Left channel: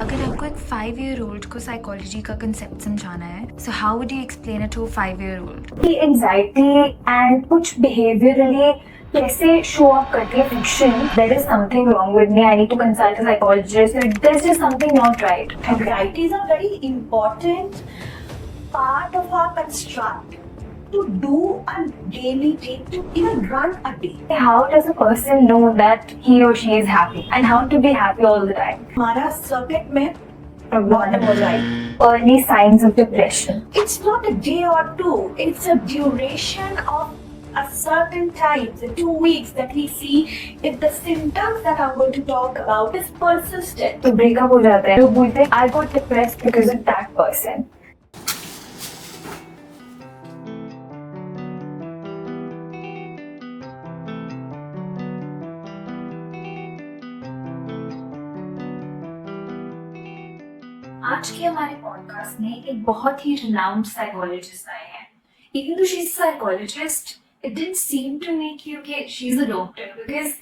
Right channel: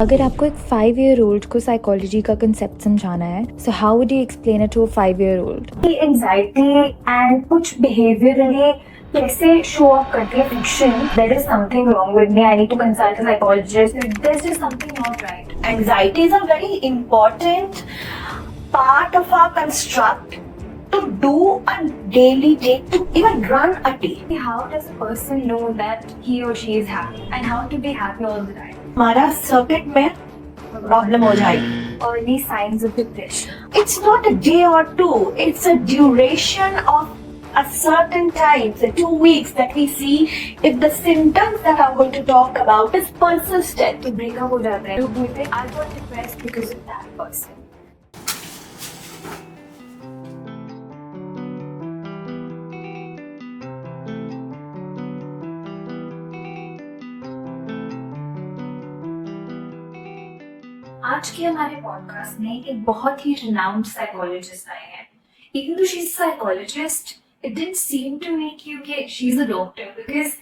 अगर आपको एक 5-year-old को साइकोलॉजी का कंसेप्ट समझाना है, so how would you explain it to a 5-year-old? Anxiety and कुछ बिहेवियरली कैसे शो अप करती है friction, there is something wrong with me, I need to consult a psychologist, there is just something not right. Anxiety is a very important part of our construct to do a daily day, to even run a day. How does a person know that he or she is happy and how to be happy all the time? हमारा circuit में problem हो जाएगी. Early signs of depression. It's not a day or two, it's a duration of a certain time, the 2 weeks that we see if the symptoms that I'm going to talk about is persistent. तो breakup हो जाता है, लोग बोलते हैं I got depressed because of that person. आज के हमारे पॉडकास्ट में एक बहुत ही रिनाउंड साइकोलॉजिस्ट आए हैं. Even though she is psychologist, it didn't seem to me कि she is a doctor, because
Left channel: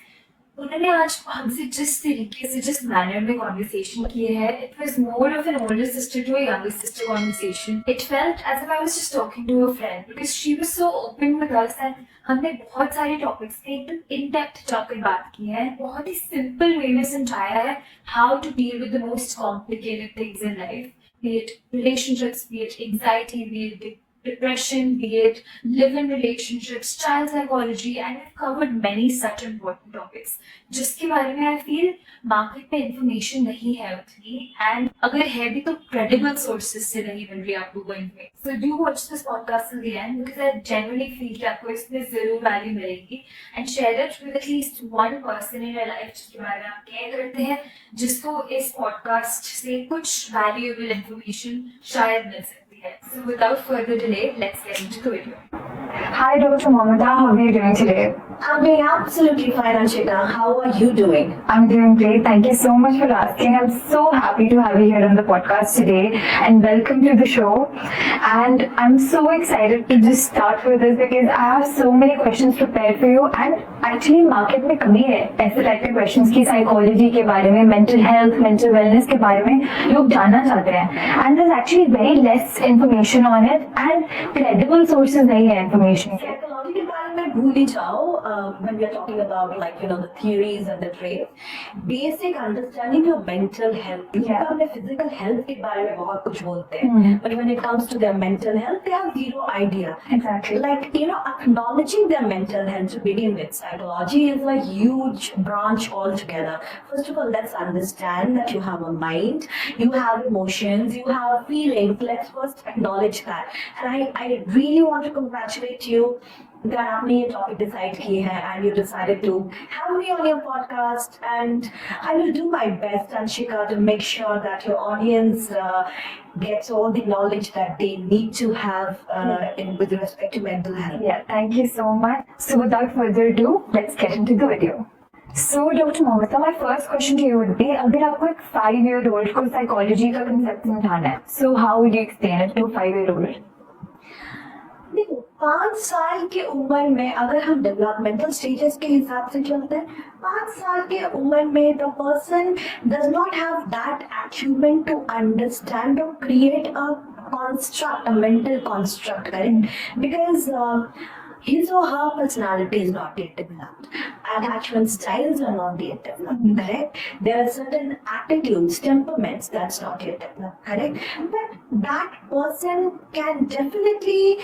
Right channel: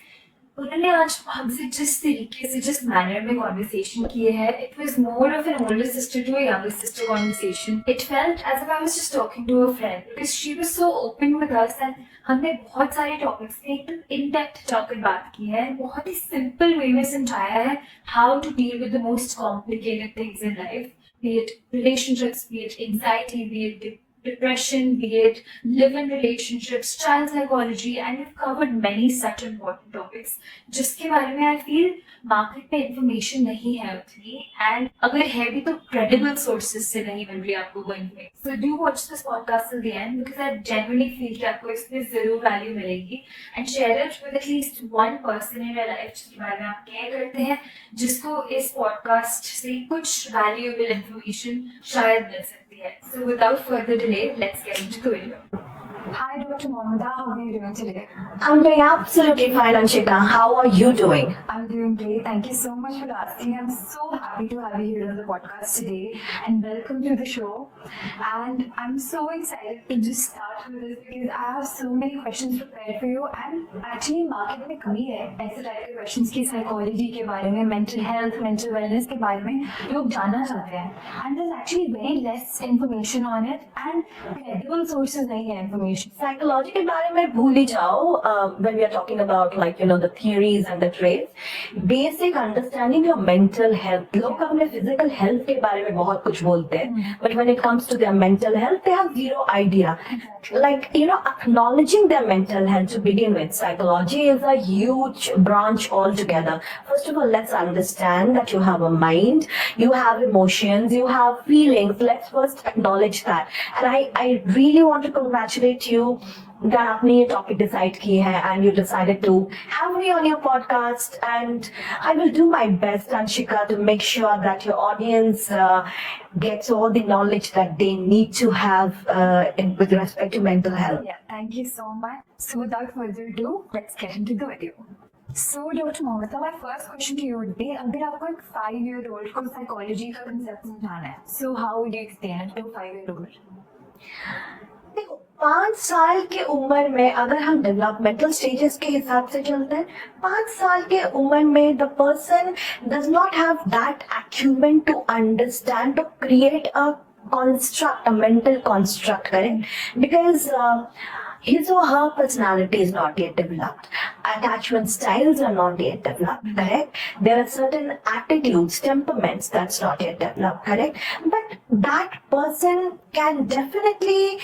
उन्होंने आज हमसे जिस तरीके से, जिस मैनर में कॉन्वर्सेशन की है, it was more of an older sister to a younger sister conversation. It felt as if I was just talking to a friend, because she was so open with us and हमने बहुत सारे topics पे एकदम in depth topic बात की है. बहुत ही simple way में समझाया है how to deal with the most complicated things in life, be it relationships, be it anxiety, be it depression, be it live-in relationships, child psychology, and we've covered many such important topics जिसके बारे में I feel market में information नहीं है उतनी, and अगर है भी तो क्रेडिबल सोर्सेज से नहीं मिल रही आपको वो information. So do watch this podcast till the end, because I genuinely feel कि आपको इसमें जरूर वैल्यू मिलेगी, and share it with at least one person in your life जिसके बारे में आप केयर करते हैं, जिसको इस पॉडकास्ट से कुछ वैल्यूएबल इंफॉर्मेशन शायद मिल सकती है. So without further delay, let's get into the video. Hi Dr. Mamata, how are you doing today? I'm doing absolutely fine, Anshika. How are you doing? I'm doing great. Thank you so much for asking. I'm so happy to have you here on the podcast today and welcome to the show. And I'm so excited to just start with this because I have so many questions prepared for you. And actually market में कमी है ऐसे type के questions की, psychology के बारे में, mental health, mental wellness के बारे में लोग जानना चाहते हैं. And there's actually very less information on it and credible sources नहीं है information. Psychology के बारे में भूल ही जाओ. When we are talking about, like, you know, the theories and the traits, basic understanding of mental health. लोग अपने physical health के बारे में बहुत कुछ बोलते हैं, but when it comes to their mental health, they have zero idea. Exactly. Like, you know, acknowledging their mental health to begin with. Psychology is a huge branch altogether. First of all, let's understand that you have a mind, you have emotions, you have feelings. Let's first acknowledge that. And I really want to congratulate you that आपने ये topic decide की है and you decided to have me on your podcast, and I will do my best, Anshika, to make sure that your audience gets all the knowledge that they need to have with respect to mental health. Yeah, thank you so much. So without further ado, let's get into the video. So Dr. Mamata, my first question to you would be, अगर आपको एक 5-year-old को psychology का concept समझाना है, so how would you explain it to a 5-year-old? देखो, 5 साल के उम्र में अगर हम डेवलपमेंटल स्टेजेस के हिसाब से चलते हैं, 5 साल के उम्र में the person does not have that achievement to understand और create a construct, a mental construct, correct? Because his or her personality is not yet developed. Attachment styles are not yet developed, correct? There are certain attitudes, temperaments that's not yet developed, correct? But that person can definitely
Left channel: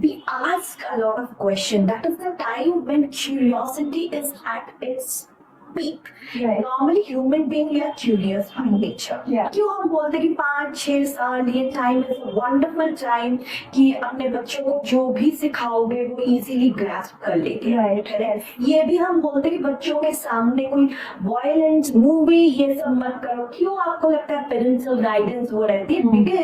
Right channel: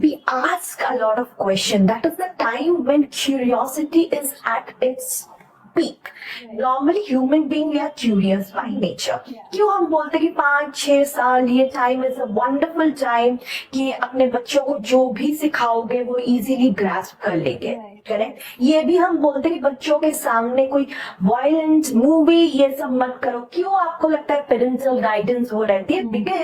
be asked a lot of questions. That is the time when curiosity is at its peak. Right. Normally human being we are curious by nature. Yeah. क्यों हम बोलते कि 5-6 साल ये time is a wonderful time कि अपने बच्चों को जो भी सिखाओगे वो इजीली ग्रास्प कर लेंगे. Right. करेक्ट. ये भी हम बोलते कि बच्चों के सामने कोई वायलेंट मूवी ये सब मत करो. क्यों आपको लगता है पेरेंटल गाइडेंस वो रहती है? Because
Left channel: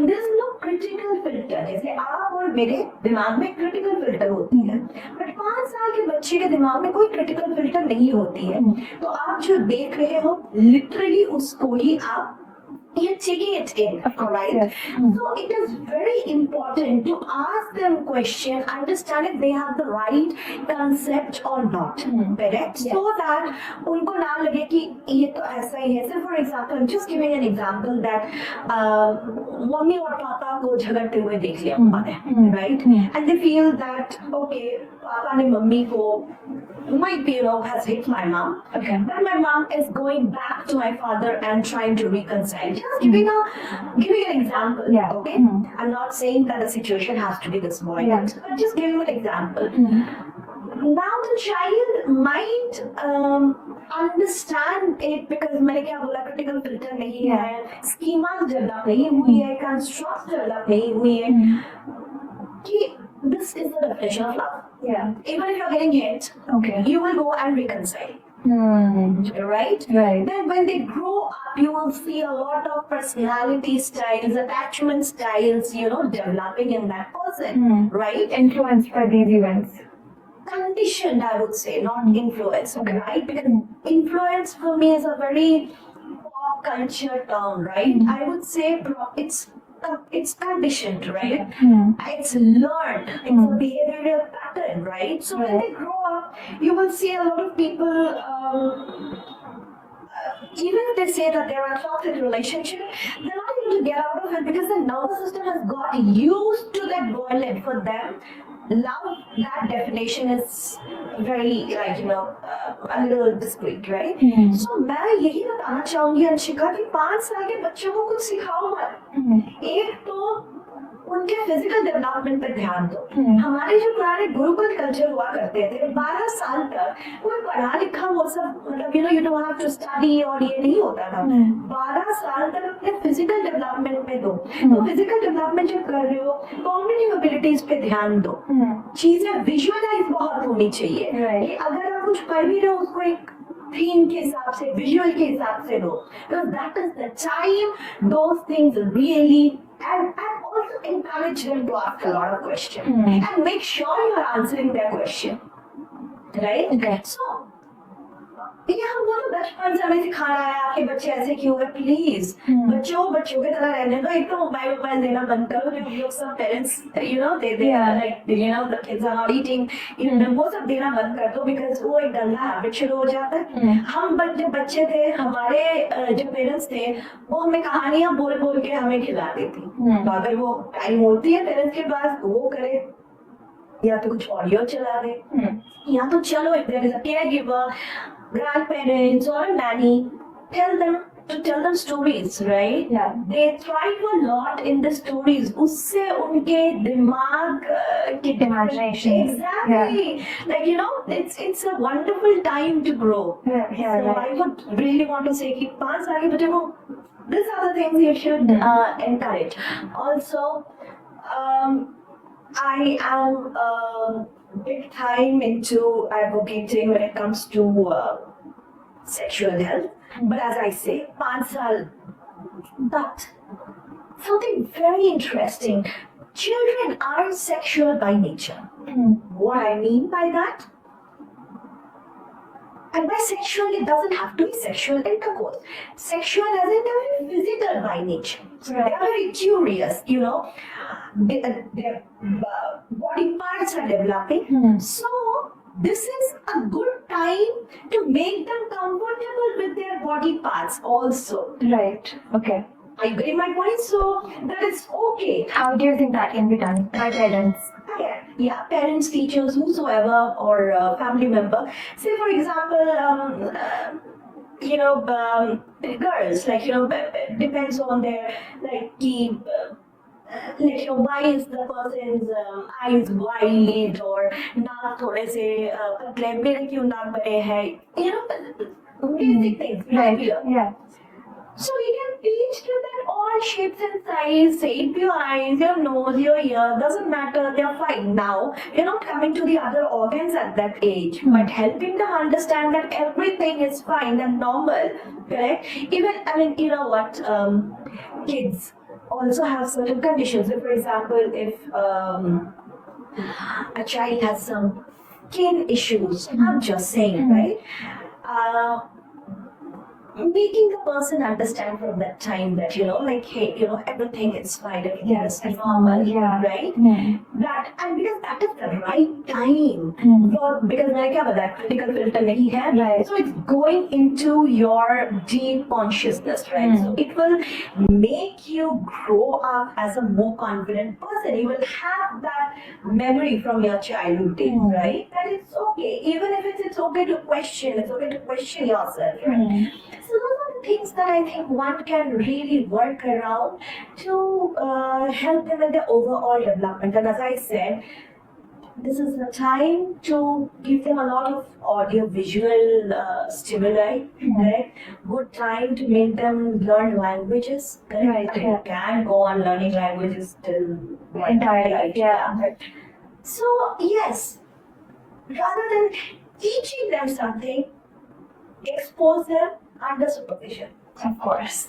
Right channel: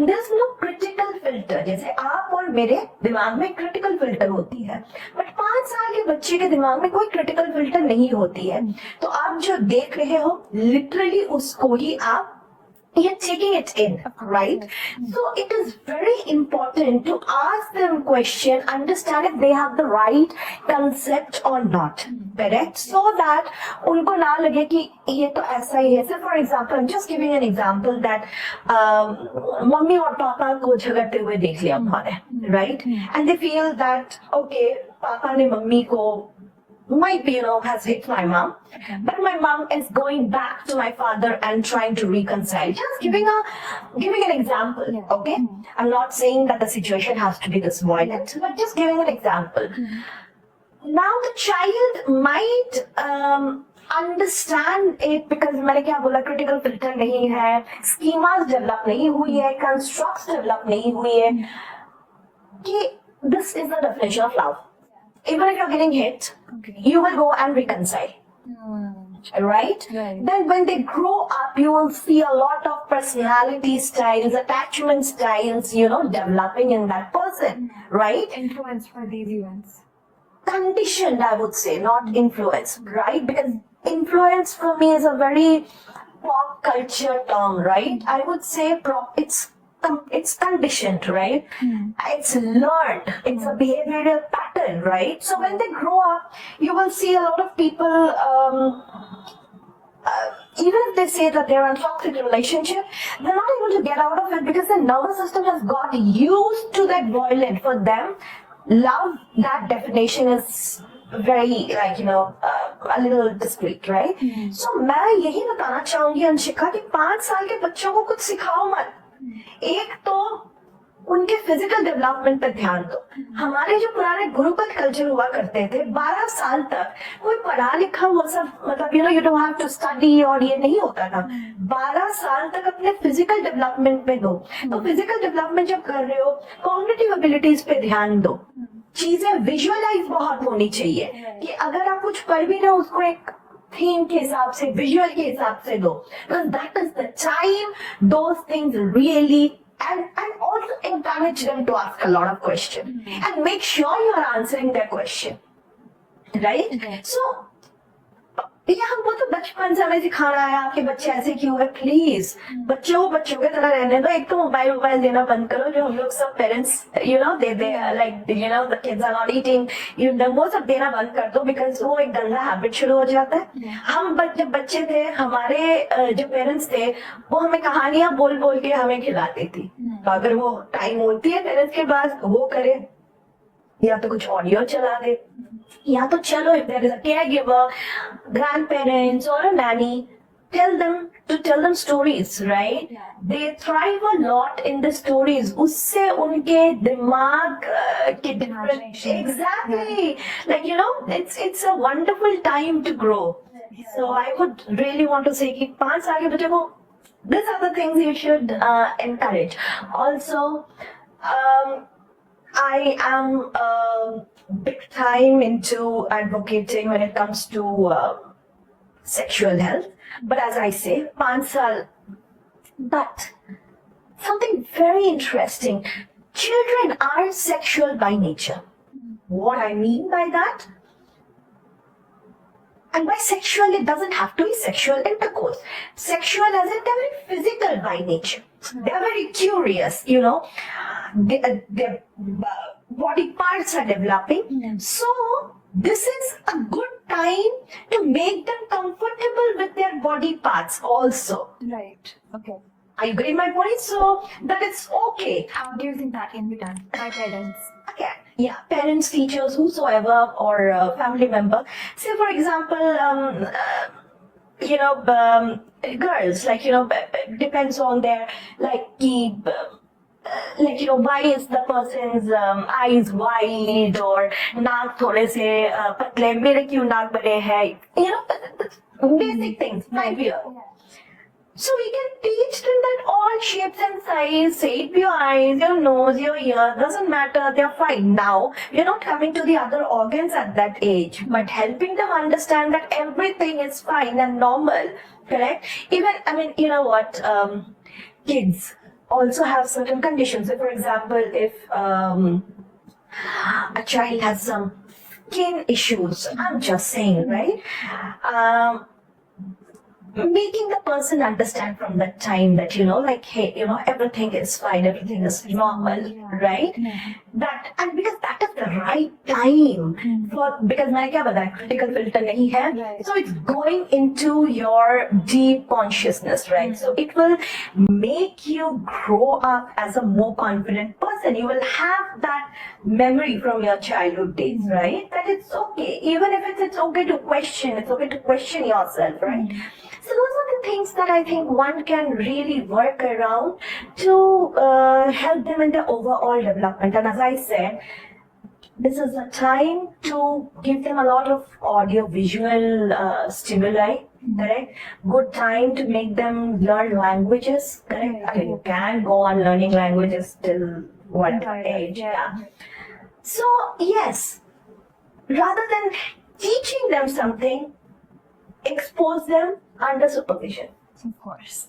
there is no critical filter. जैसे आप और मेरे दिमाग में क्रिटिकल फिल्टर होती है, बट 5 साल के बच्चे के दिमाग में कोई क्रिटिकल फिल्टर नहीं होती है. तो आप जो देख रहे हो लिटरली उसको ही आप you're taking it in, Of course, right? yes. So it is very important to ask them question, understand if they have the right concept or not, correct? So that उनको ना लगे कि ये तो ऐसा ही है. So for example, I'm just giving an example that mummy और पापा को झगड़ते हुए देख लिया उन्होंने, right? And they feel that okay, पापा ने मम्मी को might be, has hit my mom. Okay. But my mom is going back to my father and trying to reconcile. Just giving an example. Yeah. Okay. I'm not saying that the situation has to be this violent, but just giving an example. Now the child might understand it because मैंने क्या बोला, critical filter नहीं है, schemas develop नहीं हुई है, constructs develop नहीं हुई है, कि this is the definition of love. Yeah. Even if you're getting hit, Okay. you will go and reconcile. Right? Right. Then when they grow up, you will see a lot of personality styles, attachment styles, developing in that person. Right? Influenced by these events. Conditioned, I would say, not influenced, right? Because influence for me is a very pop culture term, right? I would say it's conditioned, right? It's learned. It's a behavioral pattern, right? So when they grow up, you will see a lot of people, even if they say that they're in a toxic relationship, they're not able to get out of it because their nervous system has got used to that violence. For them, love, that definition is very a little discreet, right? So मैं यही बताना चाहूंगी अंशिका कि 5 साल के बच्चों को कुछ सिखाओ मत. एक तो उनके फिजिकल डेवलपमेंट पे ध्यान दो. हमारे जो पुराने गुरुकुल कल्चर हुआ करते थे, 12 साल तक कोई पढ़ा लिखा वो सब मतलब you don't have to study और ये नहीं होता था. 12 साल तक अपने फिजिकल डेवलपमेंट पे दो. तो फिजिकल डेवलपमेंट जब कर रहे हो, कॉग्निटिव एबिलिटीज पे ध्यान दो. चीजें विजुअलाइज बहुत होनी चाहिए कि अगर आप कुछ पढ़ भी रहे हो उसको एक थीम के हिसाब से, विजुअल के हिसाब से दो. That is the time those things really and also encourage them to ask a lot of questions and make sure you are answering their question, right? Okay. So ये हमको तो बचपन से हमें सिखाना है आपके बच्चे ऐसे क्यों है. प्लीज बच्चों के तरह रहने दो. एक तो मोबाइल देना बंद करो. जो हम लोग सब parents they like the kids are not eating, वो सब देना बंद कर दो बिकॉज वो एक गंदा हैबिट शुरू हो जाता है. हम जब बच्चे थे, हमारे जो पेरेंट्स थे वो हमें कहानियां बोल बोल के हमें खिलाती थी. तो अगर वो टाइम होती है पेरेंट्स के पास वो करे, या तो कुछ ऑडियो चला दे, या तो चलो if there is a caregiver, grandparents or a nanny, tell them stories, right? Yeah. They thrive a lot in the stories. उससे उनके दिमाग के Imagination. exactly, it's a wonderful time to grow. Yeah, So right. I would really want to say कि 5 साल के बच्चे को these are the things you should encourage. Also, I am big time into advocating when it comes to sexual health. But as I say, 5 saal. But something very interesting. Children are sexual by nature. What I mean by that? And by sexual, it doesn't have to be sexual intercourse. Sexual as in they're very physical by nature. Right. They're very curious, their body parts are developing. So this is a good time to make them comfortable with their body parts also. Right. Okay. I agree my point, so that it's okay. How do you think that can be done by parents? Yeah, parents, teachers, whosoever, or family member. Say, for example, girls, depends on their, why is the person's eyes wide or नाक थोड़े से पतले, मेरे क्यों नाक बड़े हैं, basic things, behavior. Yeah. So we can teach them that all shapes and size, shape your eyes, your nose, your ear, doesn't matter, they're fine. Now, we're not coming to the other organs at that age, but helping them understand that everything is fine and normal, correct? Even, you know what, kids also have certain conditions. So for example, if a child has some skin issues, I'm just saying, right? making the person understand from that time that, like, hey, everything is fine, everything is normal, Yeah. right? Hmm. That, and because that is the right time for, because मैंने क्या बताया, critical filter नहीं है, Right. so it's going into your deep consciousness, right? So it will make you grow up as a more confident person. You will have that memory from your childhood days, right? That it's okay, even if it's okay to question, it's okay to question yourself, right? So those are the things that I think one can really work around to help them in their overall development. And as I said, this is the time to give them a lot of audio visual stimuli, correct? Good time to make them learn languages, correct? Right, Okay, yeah. you can go on learning languages till one Entire life, age, yeah. So yes, rather than teaching them something, expose them under supervision. Of course.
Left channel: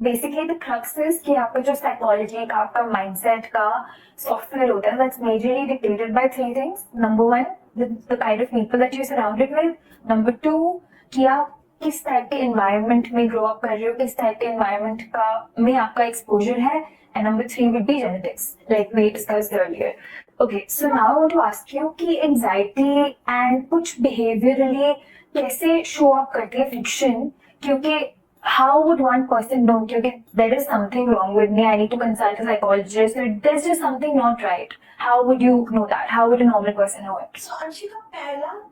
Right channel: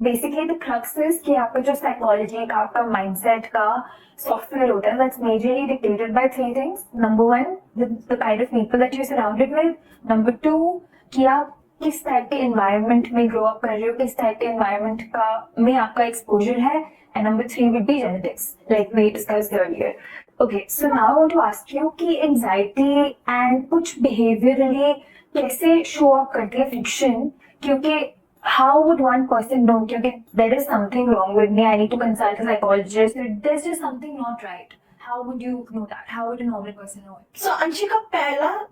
Basically, the crux is कि आपका जो psychology का आपका mindset का software होता है, that's majorly dictated by three things. Number one, the kind of people that you're surrounded with. Number two, कि आप किस टाइप के environment में grow up कर रहे हो, किस टाइप के environment का में आपका exposure है. And number three would be genetics, like we discussed earlier. Okay, so now I want to ask you कि anxiety and कुछ behaviorally कैसे show up करती है friction, क्योंकि how would one person know कि there is something wrong with me, I need to consult a psychologist, there's just something not right. How would you know that? How would a normal person know it? So Anshika,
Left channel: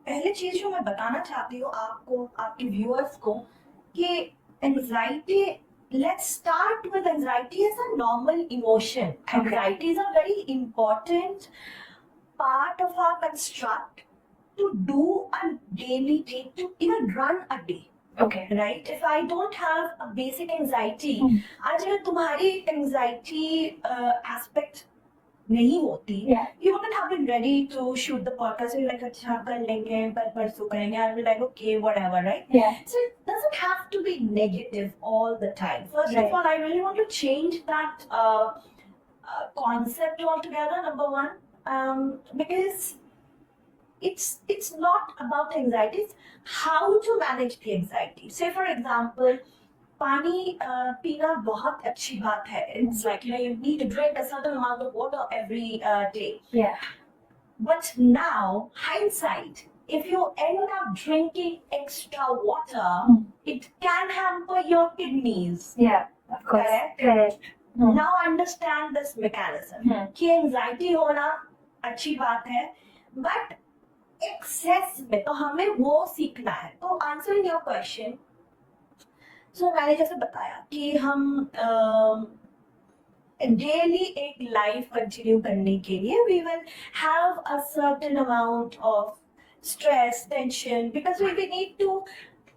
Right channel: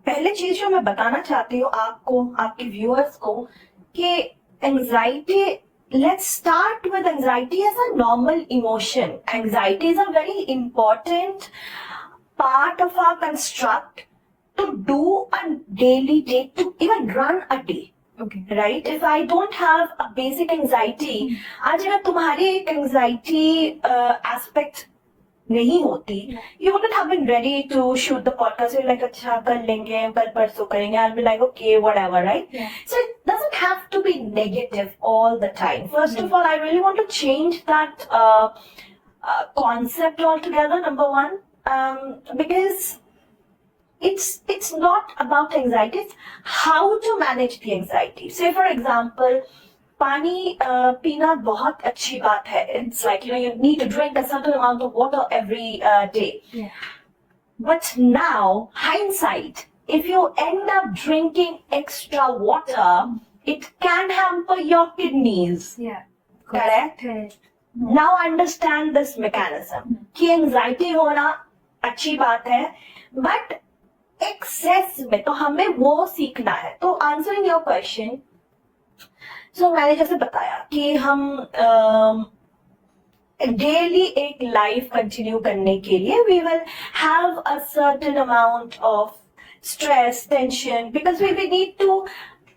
पहले चीज जो मैं बताना चाहती हूँ आपको, आपके व्यूअर्स को, कि anxiety, let's start with anxiety as a normal emotion. Anxiety is a very important part of our construct to do a daily day, to even run a day. Okay. Right? If I don't have a basic anxiety, आज अगर तुम्हारी एक anxiety aspect नहीं होती, you wouldn't have been ready to shoot the podcast. You're like, अच्छा कर लेंगे, कल परसों करेंगे. I'll be like, okay, whatever, right? Yeah. So it doesn't have to be negative all the time. First of all, I really want to change that concept altogether. Number one, because it's not about anxiety, it's how to manage the anxiety. Say for example, पानी पीना बहुत अच्छी बात है. It's like, you need to drink a certain amount of water every day. Yeah. But now, hindsight, if you end up drinking extra water, it can hamper your kidneys. Yeah. Of course. Correct? Now understand this mechanism. कि anxiety होना अच्छी बात है, but excess में तो हमें वो सीखना है. तो answering your question, so मैंने जैसे बताया कि हम डेली एक लाइफ कंटिन्यू करने के लिए we will have a certain amount of stress, tension, because we need to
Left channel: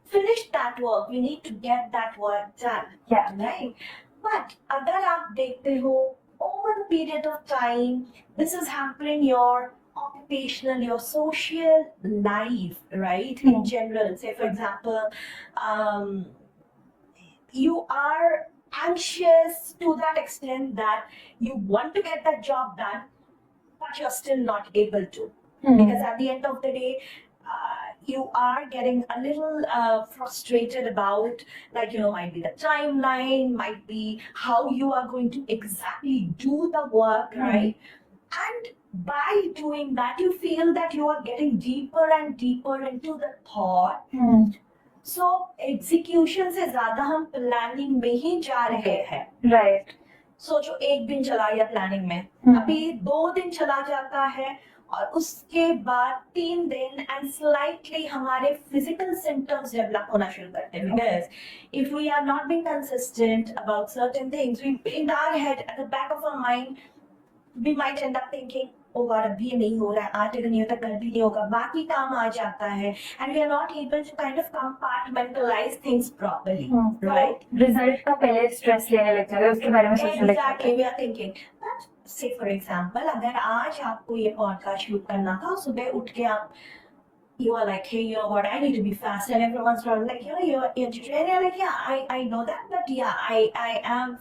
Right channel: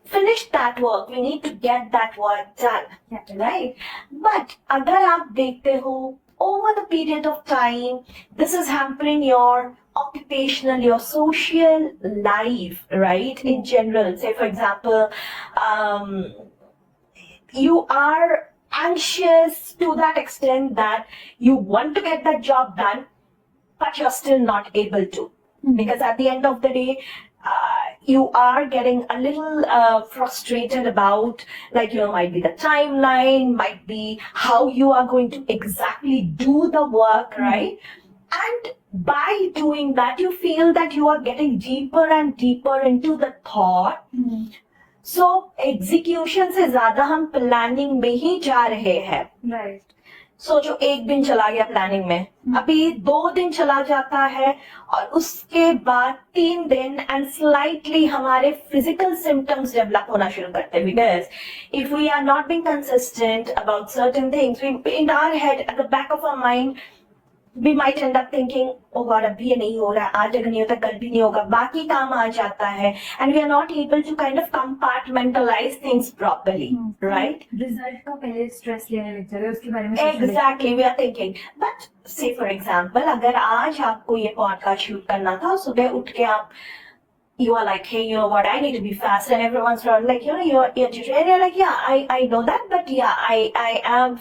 finish that work, we need to get that work done. Yeah. Right? But अगर आप देखते हो, over the period of time, this is hampering your occupational, your social life, right? In general, say for example, you are anxious to that extent that you want to get that job done, but you're still not able to. Because at the end of the day, you are getting a little frustrated about, like, might be the timeline, might be how you are going to exactly do the work, right? And by doing that, you feel that you are getting deeper and deeper into the thought. So execution से ज़्यादा हम planning में ही जा रहे हैं. Right. सोचो एक दिन चला गया प्लानिंग में, अभी 2 दिन चला जाता है, और उसके बाद 3 दिन एंड स्लाइटली हमारे फिजिकल सिम्टम्स डेवलप होना शुरू करते हैं. Because if we are not being consistent about certain things, in our head, at the back of our mind, we might end up thinking, oh God, अभी ये नहीं हो रहा है, आज अगर नहीं होता कल भी नहीं होगा, बाकी काम आ जाता है, and we are not able to kind of compartmentalize things properly, right? Result का पहले stress लेने लग जाते हैं, उसके बारे में सोचने लगते हैं. Exactly, we are thinking. But say for example, अगर आज आपको ये podcast shoot करना था, सुबह उठ के आप, you are like, hey, you know what, I need to be fast, and everyone's around like, you're and you're like, yeah, I know that, but yeah, I have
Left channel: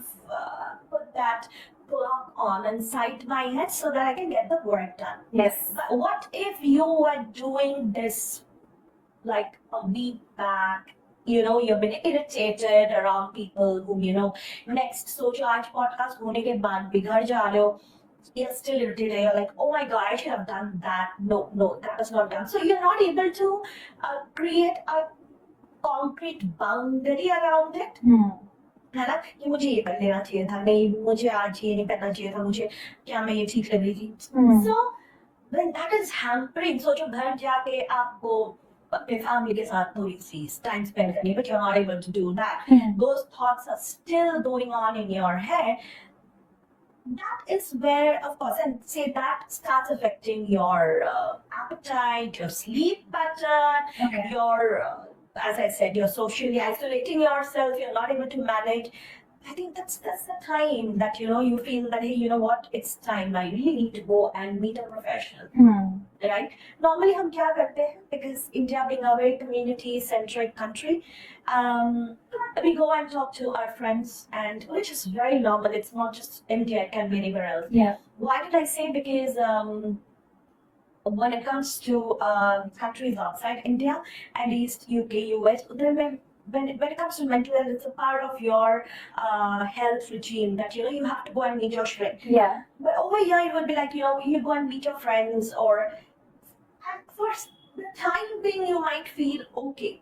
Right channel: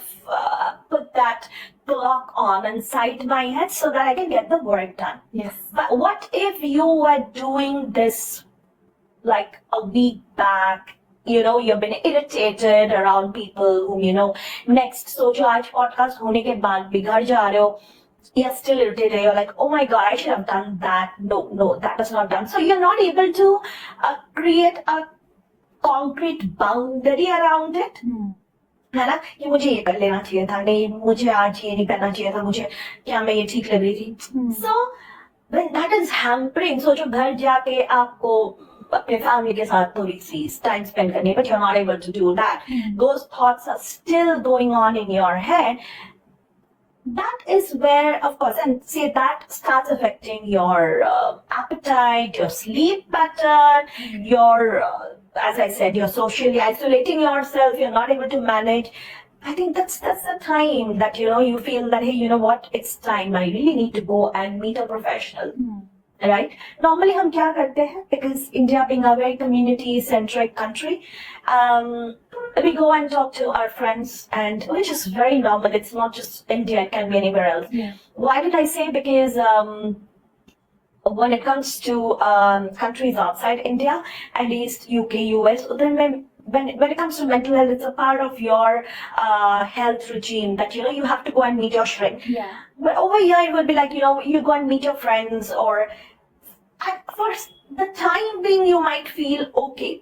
put that clock on inside my head so that I can get the work done. Yes. But what if you were doing this like a week back, you've been irritated around people whom, next सोचो आज podcast होने के बाद भी घर जा रहे हो, you're still irritated, you're like, oh my god, I should have done that. No, that was not done. So you're not able to create a concrete boundary around it. है ना, कि मुझे ये कर लेना चाहिए था, नहीं मुझे आज ये नहीं करना चाहिए था, मुझे क्या मैं ये ठीक लग रही थी. So when that is hampering, सोचो घर जाके आपको अपने फैमिली के साथ थोड़ी सी टाइम स्पेंड करनी, but you're not able to do that. Those thoughts are still going on in your head. That is where, of course, and say that starts affecting your appetite, your sleep pattern, your, as I said, you're socially isolating yourself, you're not able to manage. I think that's the time that, you feel that, hey, you know what, it's time, I really need to go and meet a professional. Right? Normally, हम क्या करते हैं? Because India being a very community-centric country, we go and talk to our friends, and which is very normal. It's not just India; it can be anywhere else. Yeah. Why did I say? Because when it comes to countries outside India, at least UK, US, then when it comes to mental health, it's a part of your health regime that you have to go and meet your shrink. Yeah. But over here, it would be like you go and meet your friends, or for the time being, you might feel okay.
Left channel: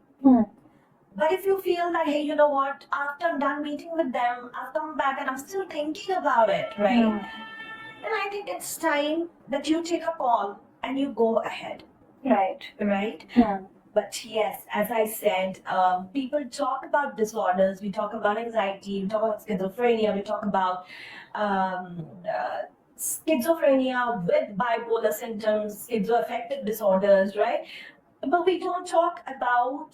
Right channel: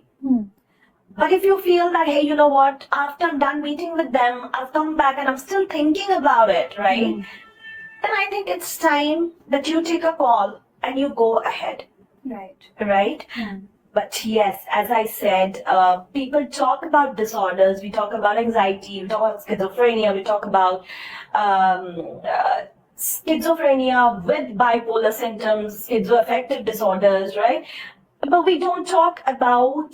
But if you feel that, hey, you know what, after I'm done meeting with them, I've come back and I'm still thinking about it, right? Then I think it's time that you take a call and you go ahead. Right? But yes, as I said, people talk about disorders. We talk about anxiety, we talk about schizophrenia, we talk about schizophrenia with bipolar symptoms, schizoaffective disorders, right? But we don't talk about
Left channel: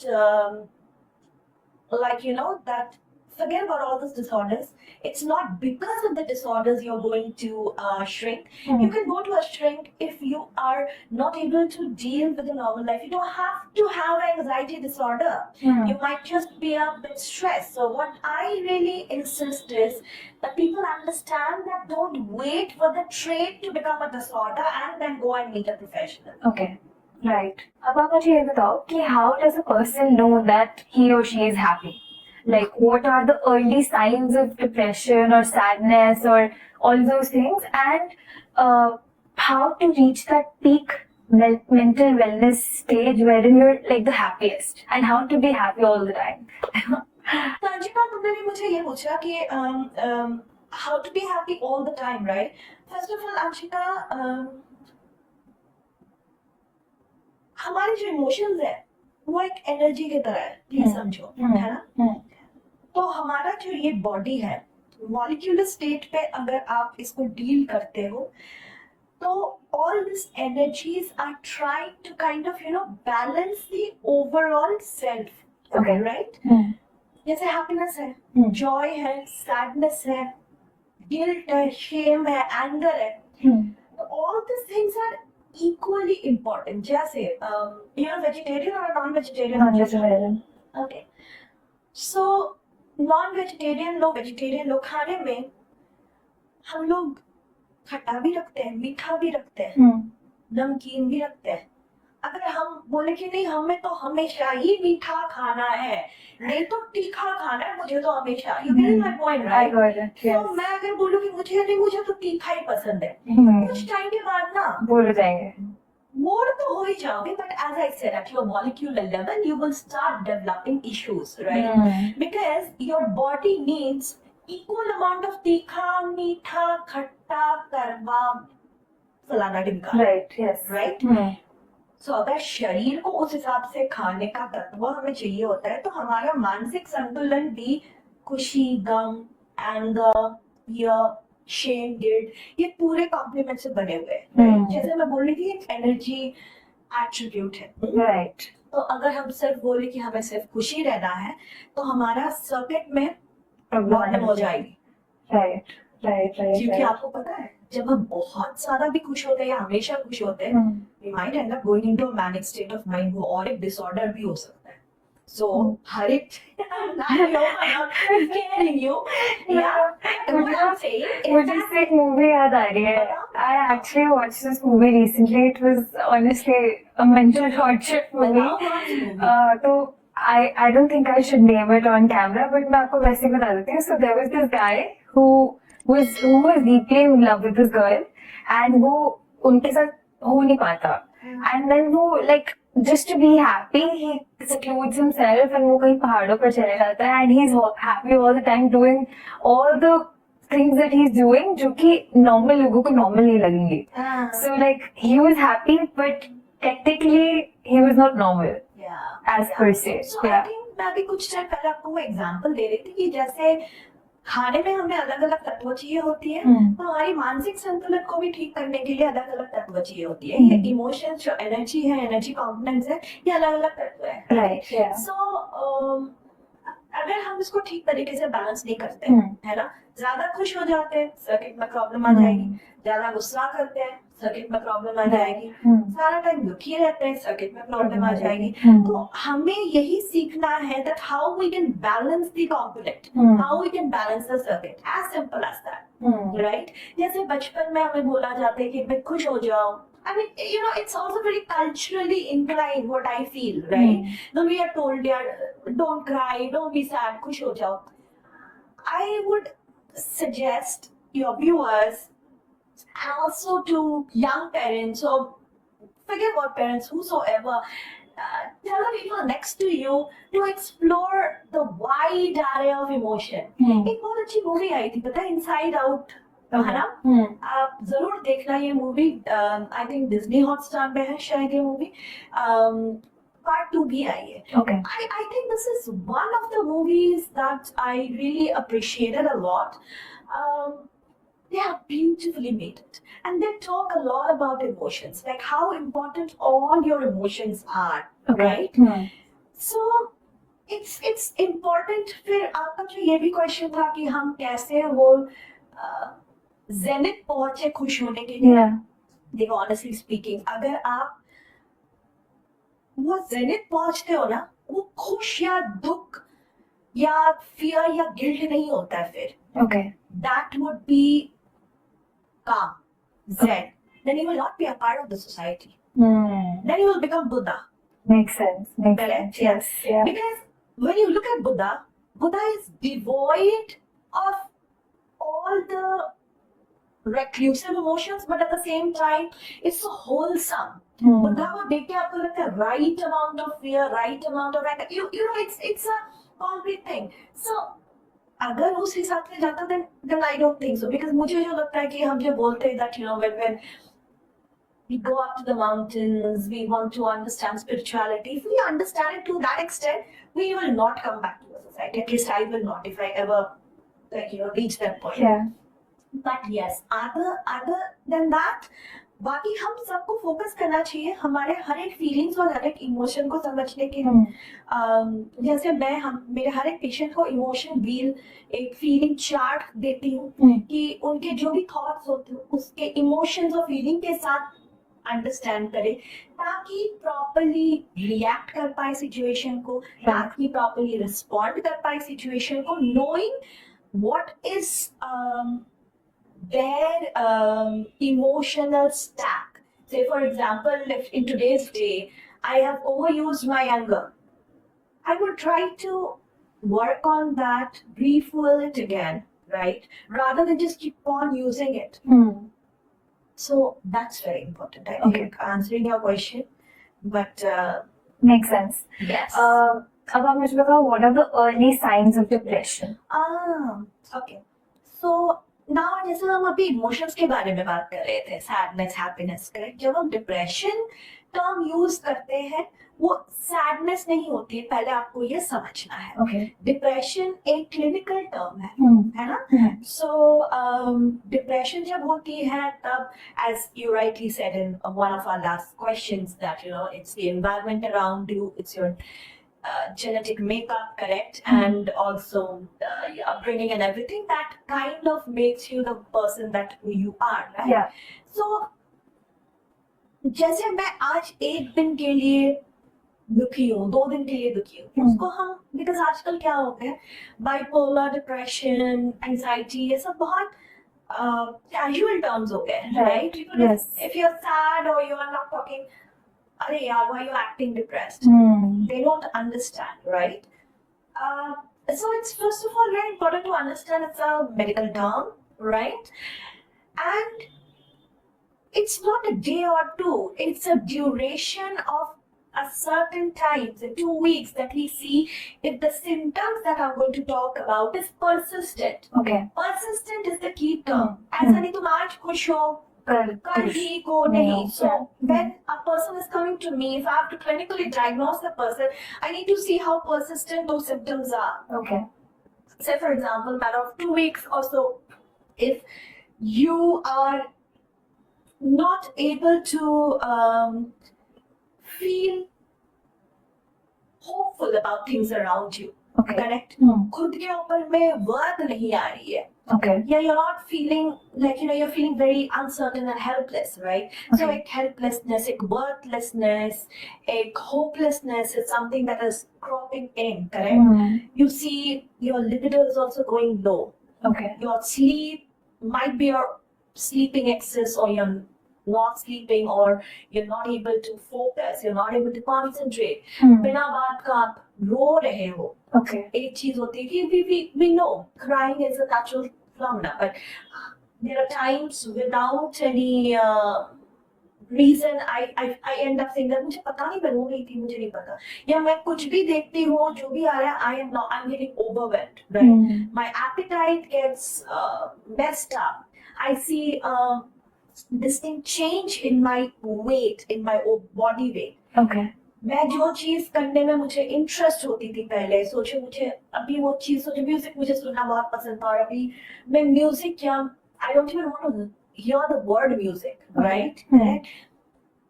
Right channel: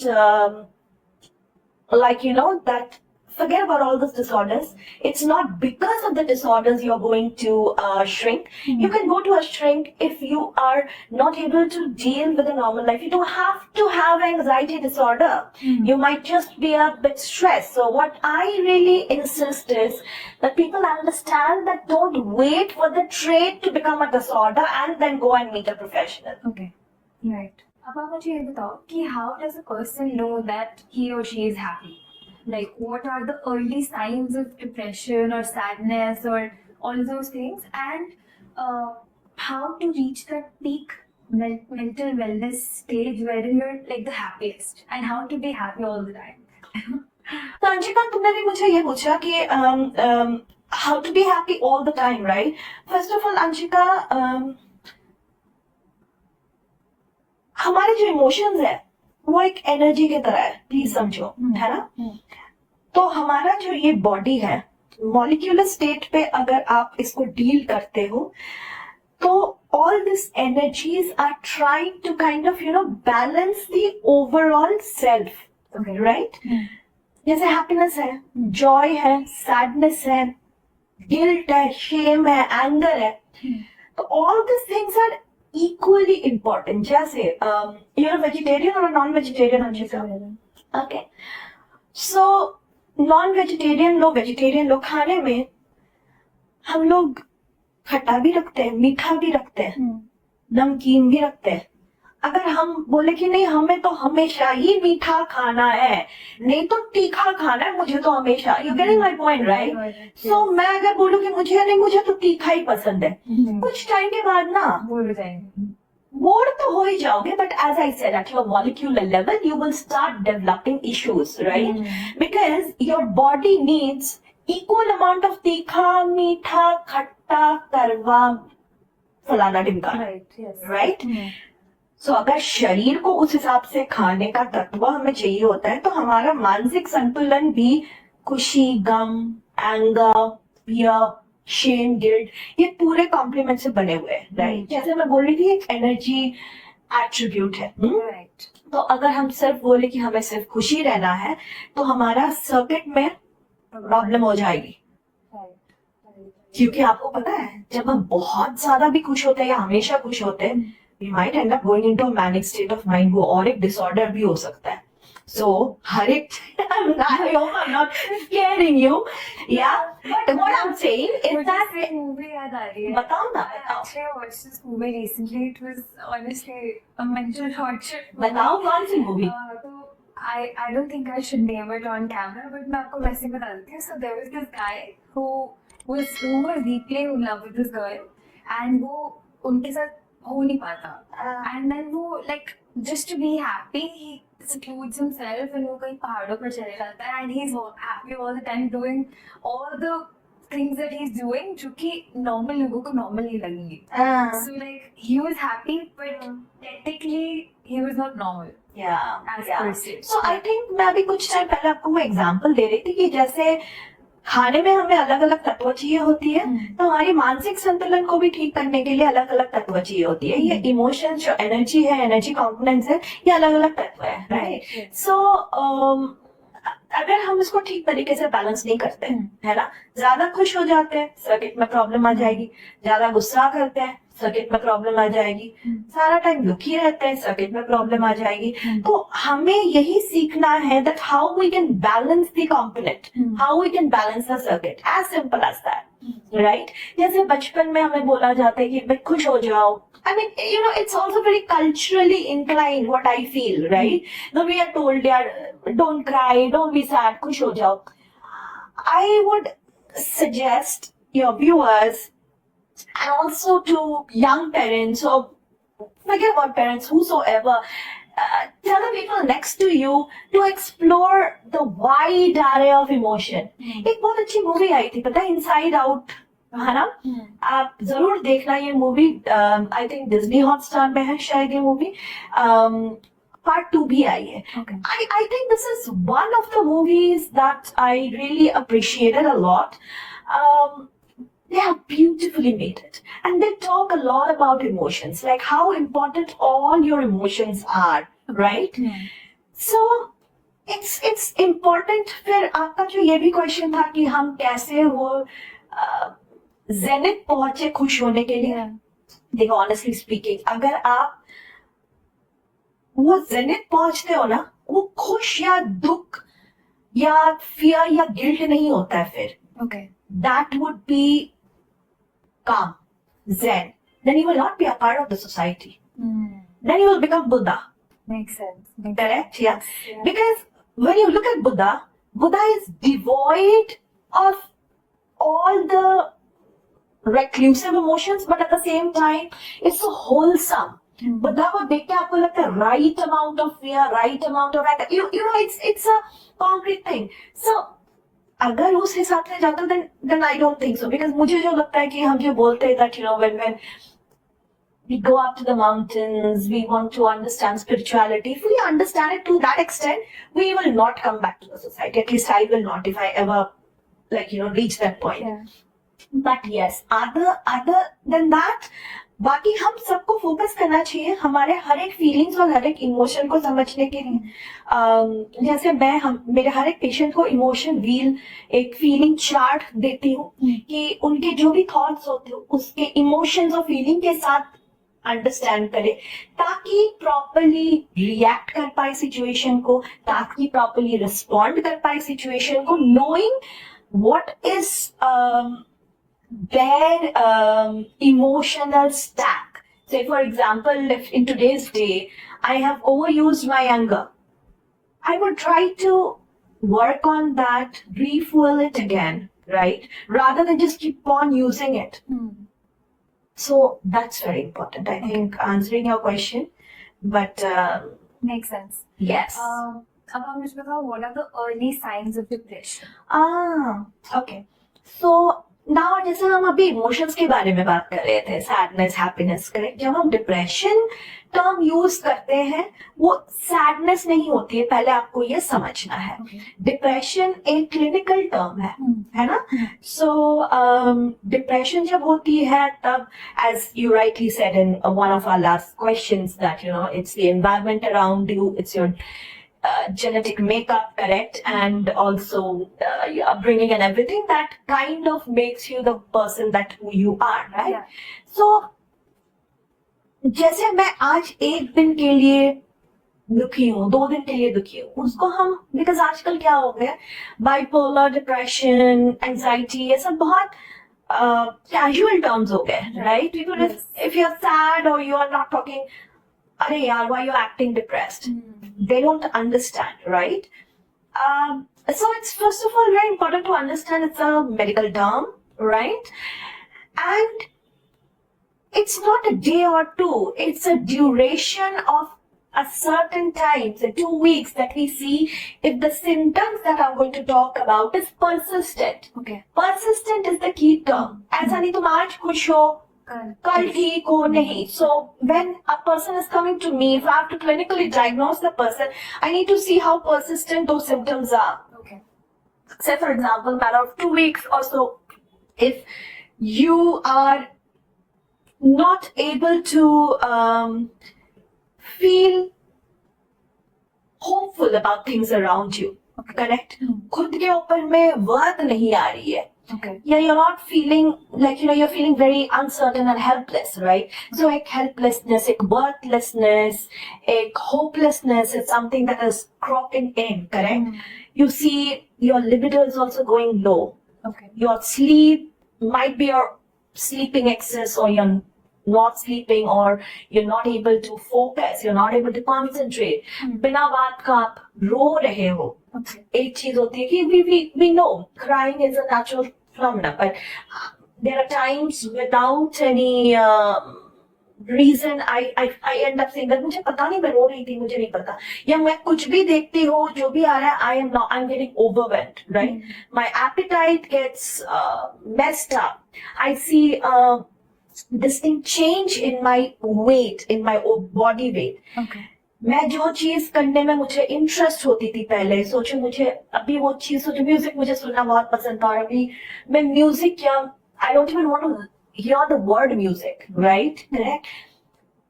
that. Forget about all those disorders. It's not because of the disorders you're going to shrink. You can go to a shrink if you are not able to deal with a normal life. You don't have to have anxiety disorder. You might just be a bit stressed. So what I really insist is that people understand that don't wait for the trait to become a disorder and then go and meet a professional. Okay. Right. अब आप मुझे ये बताओ कि how does a person know that he or she is happy? Like, what are the early signs of depression or sadness or all those things, and how to reach that peak mental wellness stage wherein you're like the happiest, and how to be happy all the time? तो अंशिका, तुमने भी मुझे ये पूछा कि how to be happy all the time, right? First of all, Anshika, हमारे जो emotions है वो एक एनर्जी की तरह है, प्लीज समझो, है ना? तो हमारा जो ये बॉडी है, मॉलिक्यूलर स्टेट पे अगर आप इसको डील करते हो, तो all these energies are trying to kind of balance the overall self. Okay. Right? जैसे हैप्पीनेस है, जॉय है, सैडनेस है, गिल्ट है, शेम है, एंगर है, तो all these things are equally important. जैसे you're a vegetarian or a non-vegetarian? Okay. So non-vegetarian लोग, vegetarian लोग खाने में हम लोग खट्टा भी रखते हैं, मीठा भी रखते हैं, नमकीन भी रखते हैं. अगर हम बोले कि नहीं हमें तो हमेशा ही मीठा खाना है, नहीं तो तीखा खाना है, मुझे तो हमेशा, you getting my point, right? So मैं अगर बोलूं कि मुझे तो तीखा ही पसंद है, कुछ टाइम के बाद ना बोल जाएंगे, बोर तो हो ही जाओगे. But as I said, at your molecular level, you will start developing issues, right? Because your body needs equal amount of तीखा, मीठा, खट्टा, करवा, फलाना ढिमका. Right? Yes. Right? So अगर शरीर को उस हिसाब से खाने का तत्व हमें चाहिए होता है, तो हमारा मानसिक संतुलन भी खुशी, गम, एंगर, फियर, शेम, गिल्ट, ये पूरे कॉम्प्लीमेंट से बने हुए हैं, राइट? जैसे मैं बोल रही थी, एक एनर्जी एट्रीब्यूट है, राइट? तो अगर हम सिर्फ बोले कि हमें सिर्फ खुशी रहना है, तो हमारा सर्किट में प्रॉब्लम हो जाएगी. राइट. क्योंकि आपको पता है, जब हम बहुत ज्यादा भी खुश होते हैं या हमेशा खुश होते हैं, we might end up going into a manic state of mind, वो और एक डिसऑर्डर भी हो सकता है. So हर एक I'm not scaring you, yeah. But what I'm saying is that एक मूवी याद आ रही है. बताओ ना. I actually watched this movie recently. It was honestly a mental torture movie. बताओ कौन सी मूवी? तो I don't think I should name it on camera, but मैं आपको वैसे बता देती हूँ. So there was this guy who was deeply in love with this girl, and वो उनके साथ हो नहीं पाता. And then वो like just to be happy, he secludes himself and वो कहीं पहाड़ों पर चले जाता है, and he's happy all the time doing all the things that he's doing जो कि normal लोगों को normal नहीं लगेंगे. So like he was happy, but technically he was not normal as per se. So I think मैं अभी कुछ time पहले आपको वो एग्जांपल दे रही थी कि जैसे खाने में हमें अलग अलग तत्व चाहिए होती है, तो हमारी मानसिक संतुलन को भी ठीक करने के लिए अलग अलग तत्व चाहिए होती है. ये इमोशंस जो एनर्जी है, एनर्जी कॉम्पोनेंट्स है, ये अलग अलग तत्व है. Right. सो अगर हम इसको ठीक तरीके से बैलेंस नहीं करते है ना, ज्यादा खुश हो जाते हैं, सर्किट में प्रॉब्लम आ जाएगी. ज्यादा गुस्सा करते हैं, सर्किट में प्रॉब्लम आ जाएगी. सारा टाइम दुखी रहते हैं, सर्किट में प्रॉब्लम आ जाएगी. तो हमें यही सीखना है that how we can balance the component, how we can balance the circuit, as simple as that. Right? जैसे बचपन में हमें बोला जाता है कि भाई खुश हो जाओ. I mean, you know, it's also very culturally inclined what I feel, right? No, we are told, yeah, don't cry, don't be sad, खुश हो जाओ. I would suggest your viewers and also to young parents or forget about parents, whosoever, tell the people next to you to explore the wide array of emotion. एक बहुत अच्छी movie आई थी पता है, inside out, है ना? आप जरूर देखना ये movie. I think Disney Hotstar पे है शायद ये मूवी. Part 2 भी आई है. Okay. I think this is one of the movies that I really appreciated a lot. They have beautifully made it, and they talk a lot about emotions, like how important all your emotions are, right? So it's important. फिर आपका जो ये भी question था कि हम कैसे वो जेनिथ पहुंचे खुश होने के लिए. देखो, ऑनेस्टली स्पीकिंग, अगर आप वो जेनिथ पहुंचते हो ना, वो खुश या दुख या फियर या गिल्ट नहीं होता है फिर. Okay. That would be calm, zen. Then you will not be a part of the society. Then you will become Buddha. Makes sense. Makes Correct? sense. Yes. Yeah. Because when you look at Buddha, Buddha is devoid of all the reclusive emotions, but at the same time, it's so wholesome. Buddha को देख के आपको लगता है right amount of fear, right amount of anger. You know, it's a concrete thing. So अगर उस हिसाब से जाता then I don't think so, because मुझे जो लगता है कि हम जो बोलते हैं that, you know, when we go up to the mountains, we want to understand spirituality. If we understand it to that extent, we will not come back to the society. At least I will not, if I ever, like, you know, reach that point. Yeah. But yes, other than that, बाकी हम सबको focus करना चाहिए हमारे हर एक feelings और हर एक emotion को समझने के लिए. जैसे मेरे हर एक पेशेंट को इमोशन व्हील, एक फीलिंग चार्ट देती हूँ कि उनके जो भी थॉट्स होते हैं उसके इमोशंस और फीलिंग के साथ अंडरस्टैंड करे, ताकि प्रॉपर्ली रिएक्ट कर पाए सिचुएशन को, ताकि प्रॉपर्ली रिस्पॉन्ड कर पाए सिचुएशन को, knowing what is their emotional stack. Say for example, if in today's day I have overused my anger, I would try to work on that, refuel it again, right? Rather than just keep on using it. So that's very important, I think, answering your question. But makes sense. yes. अब आप मुझे बताओ, what are the early signs of depression? Okay. So now, जैसे हम अभी emotions के बारे में बात कर रहे थे, सैडनेस, हैप्पीनेस, करेक्ट. जब हम डिप्रेशन टर्म यूज करते हैं, वो सैडनेस नहीं होती है, पहले आपको ये समझना है. डिप्रेशन एक क्लिनिकल टर्म है ना. सो डिप्रेशन जब होती है तब, as you rightly said in one of our last questions, that you know it's the environment around you, it's your genetic makeup, correct, and also your upbringing and everything that kind of makes you the person that who you are, right? Yeah. So जैसे मैं आज एक दिन के लिए दुखी हूँ, 2 दिन के लिए दुखी हूँ, उसको हम, बिकॉज आजकल क्या हो गया, बाइपोलर, डिप्रेशन, एंजाइटी, ये सब बहुत कैजुअल टर्म्स हो गए, right? If you're sad or you are not talking, "Arey yaar, why you acting depressed?" Hmm. They don't understand, right? So it's first of all very important to understand it's a medical term, right? And it's not a day or two, it's a duration of a certain time, so 2 weeks, that we see if the symptoms that I'm going to talk about is persistent. Okay. Persistent is the key term. ऐसा नहीं तुम आज खुश हो कल ठीक हो नहीं. So when a person is coming to me, if I have to clinically diagnose the person, I need to see how persistent those symptoms are. Okay. Say for example, matter of 2 weeks or so, if you are not able to feel hopeful about things around you, Okay. correct? Hmm. खुद के ऊपर में worth नहीं आ रही है. Okay. Yeah, you're not feeling like, you're feeling very uncertain and helpless, right? So एक helplessness, एक worthlessness, एक hopelessness is something that is cropping in, correct? Hmm. You see your libido is also going low. Okay. Your sleep might be your sleeping excess, or you're not sleeping, or you're not able to focus, you're not able to concentrate. Hmm. बिना बात का आप रो रहे हो. Okay. एक चीज होती है कि we know crying is a natural phenomenon, but there are times without any reason I end up saying that मुझे पता नहीं मैं रो रही थी, मुझे नहीं पता, या मैं कुछ भी देखती हूँ जो भी आ रहा है I'm getting overwhelmed, right? Hmm. My appetite gets messed up. I see distinct change in my weight, in my body weight. Okay. मैं जो चीज करने में मुझे इंटरेस्ट होती थी पहले, सोचो मुझे अभी वो चीज, सोचो म्यूजिक मुझे सुनना बहुत पसंद था, और अभी मैं म्यूजिक क्या, I don't even want to hear the word music, right? Correct.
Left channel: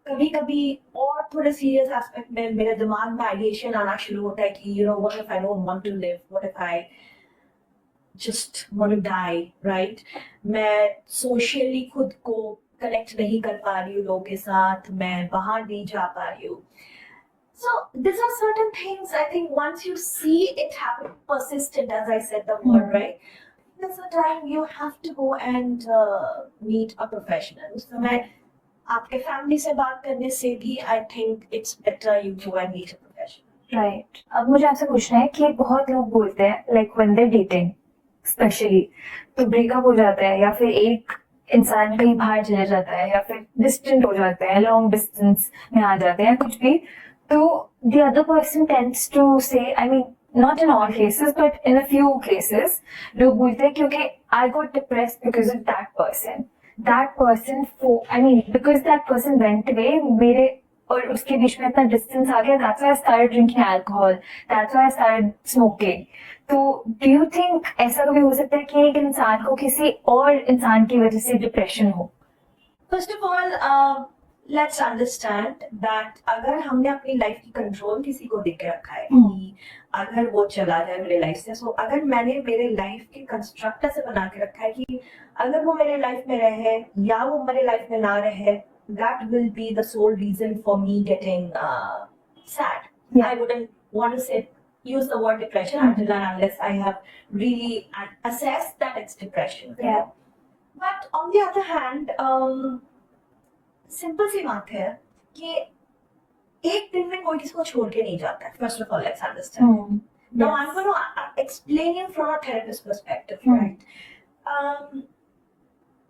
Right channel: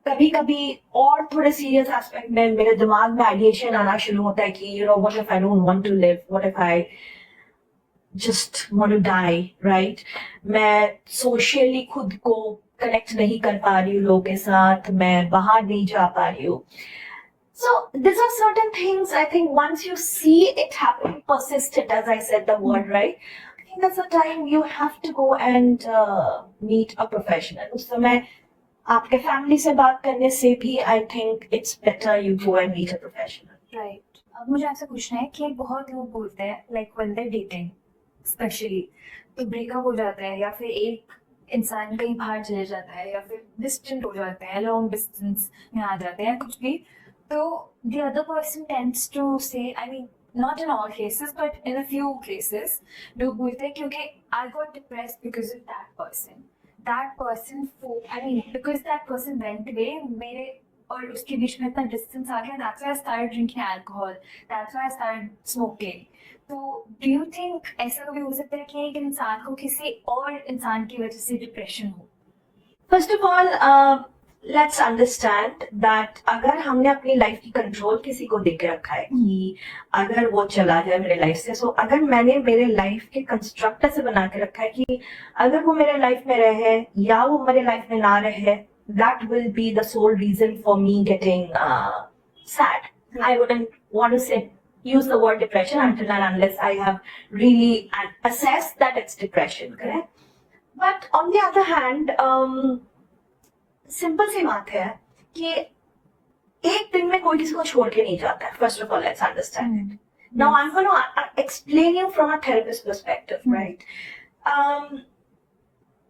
कभी कभी और थोड़े सीरियस एस्पेक्ट में मेरे दिमाग में आइडिएशन आना शुरू होता है कि what if I don't want to live, what if I just want to die, right? मैं सोशली खुद को कनेक्ट नहीं कर पा रही हूँ लोगों के साथ, मैं बाहर नहीं जा पा रही हूँ. So these are certain things, I think once you see it happening persistent, as I said the word, right? I think that's the time you have to go and meet a professional. उस समय आपके family से बात करने से भी I think it's better you go and meet a professional. Right. अब मुझे आपसे पूछना है कि बहुत लोग बोलते हैं like when they dating specially, तो ब्रेकअप हो जाता है, या फिर एक इंसान कहीं बाहर चले जाता है, या फिर डिस्टेंट हो जाते हैं, लॉन्ग डिस्टेंस में आ जाते हैं, कुछ भी, तो the other person tends to say, I mean, not in all cases, but in a few cases, लोग बोलते हैं क्योंकि I got depressed because of that person. That person, I mean, because that person went away, मेरे और उसके बीच में इतना distance आ गया, that's why I started drinking alcohol, that's why I started smoking. तो do you think ऐसा कभी हो सकता है कि एक इंसान को किसी और इंसान की वजह से डिप्रेशन हो? First of all, let's understand that अगर हमने अपनी लाइफ की कंट्रोल किसी को दे के रखा है कि अगर वो चला जाए मेरे लाइफ से, सो अगर मैंने मेरे लाइफ के कंस्ट्रक्टर से बना के रखा है कि अगर वो मेरे लाइफ में रहे या वो मेरे लाइफ में ना रहे, that will be the sole reason for me getting sad. Yeah. I wouldn't want to use the word depression until and unless I have really assessed that it's depression. Yeah. But on the other hand, simple सी बात है कि एक दिन में कोई किसी को छोड़ के नहीं जाता है. First of all, let's understand. Now I'm going to explain you from a therapist perspective, right?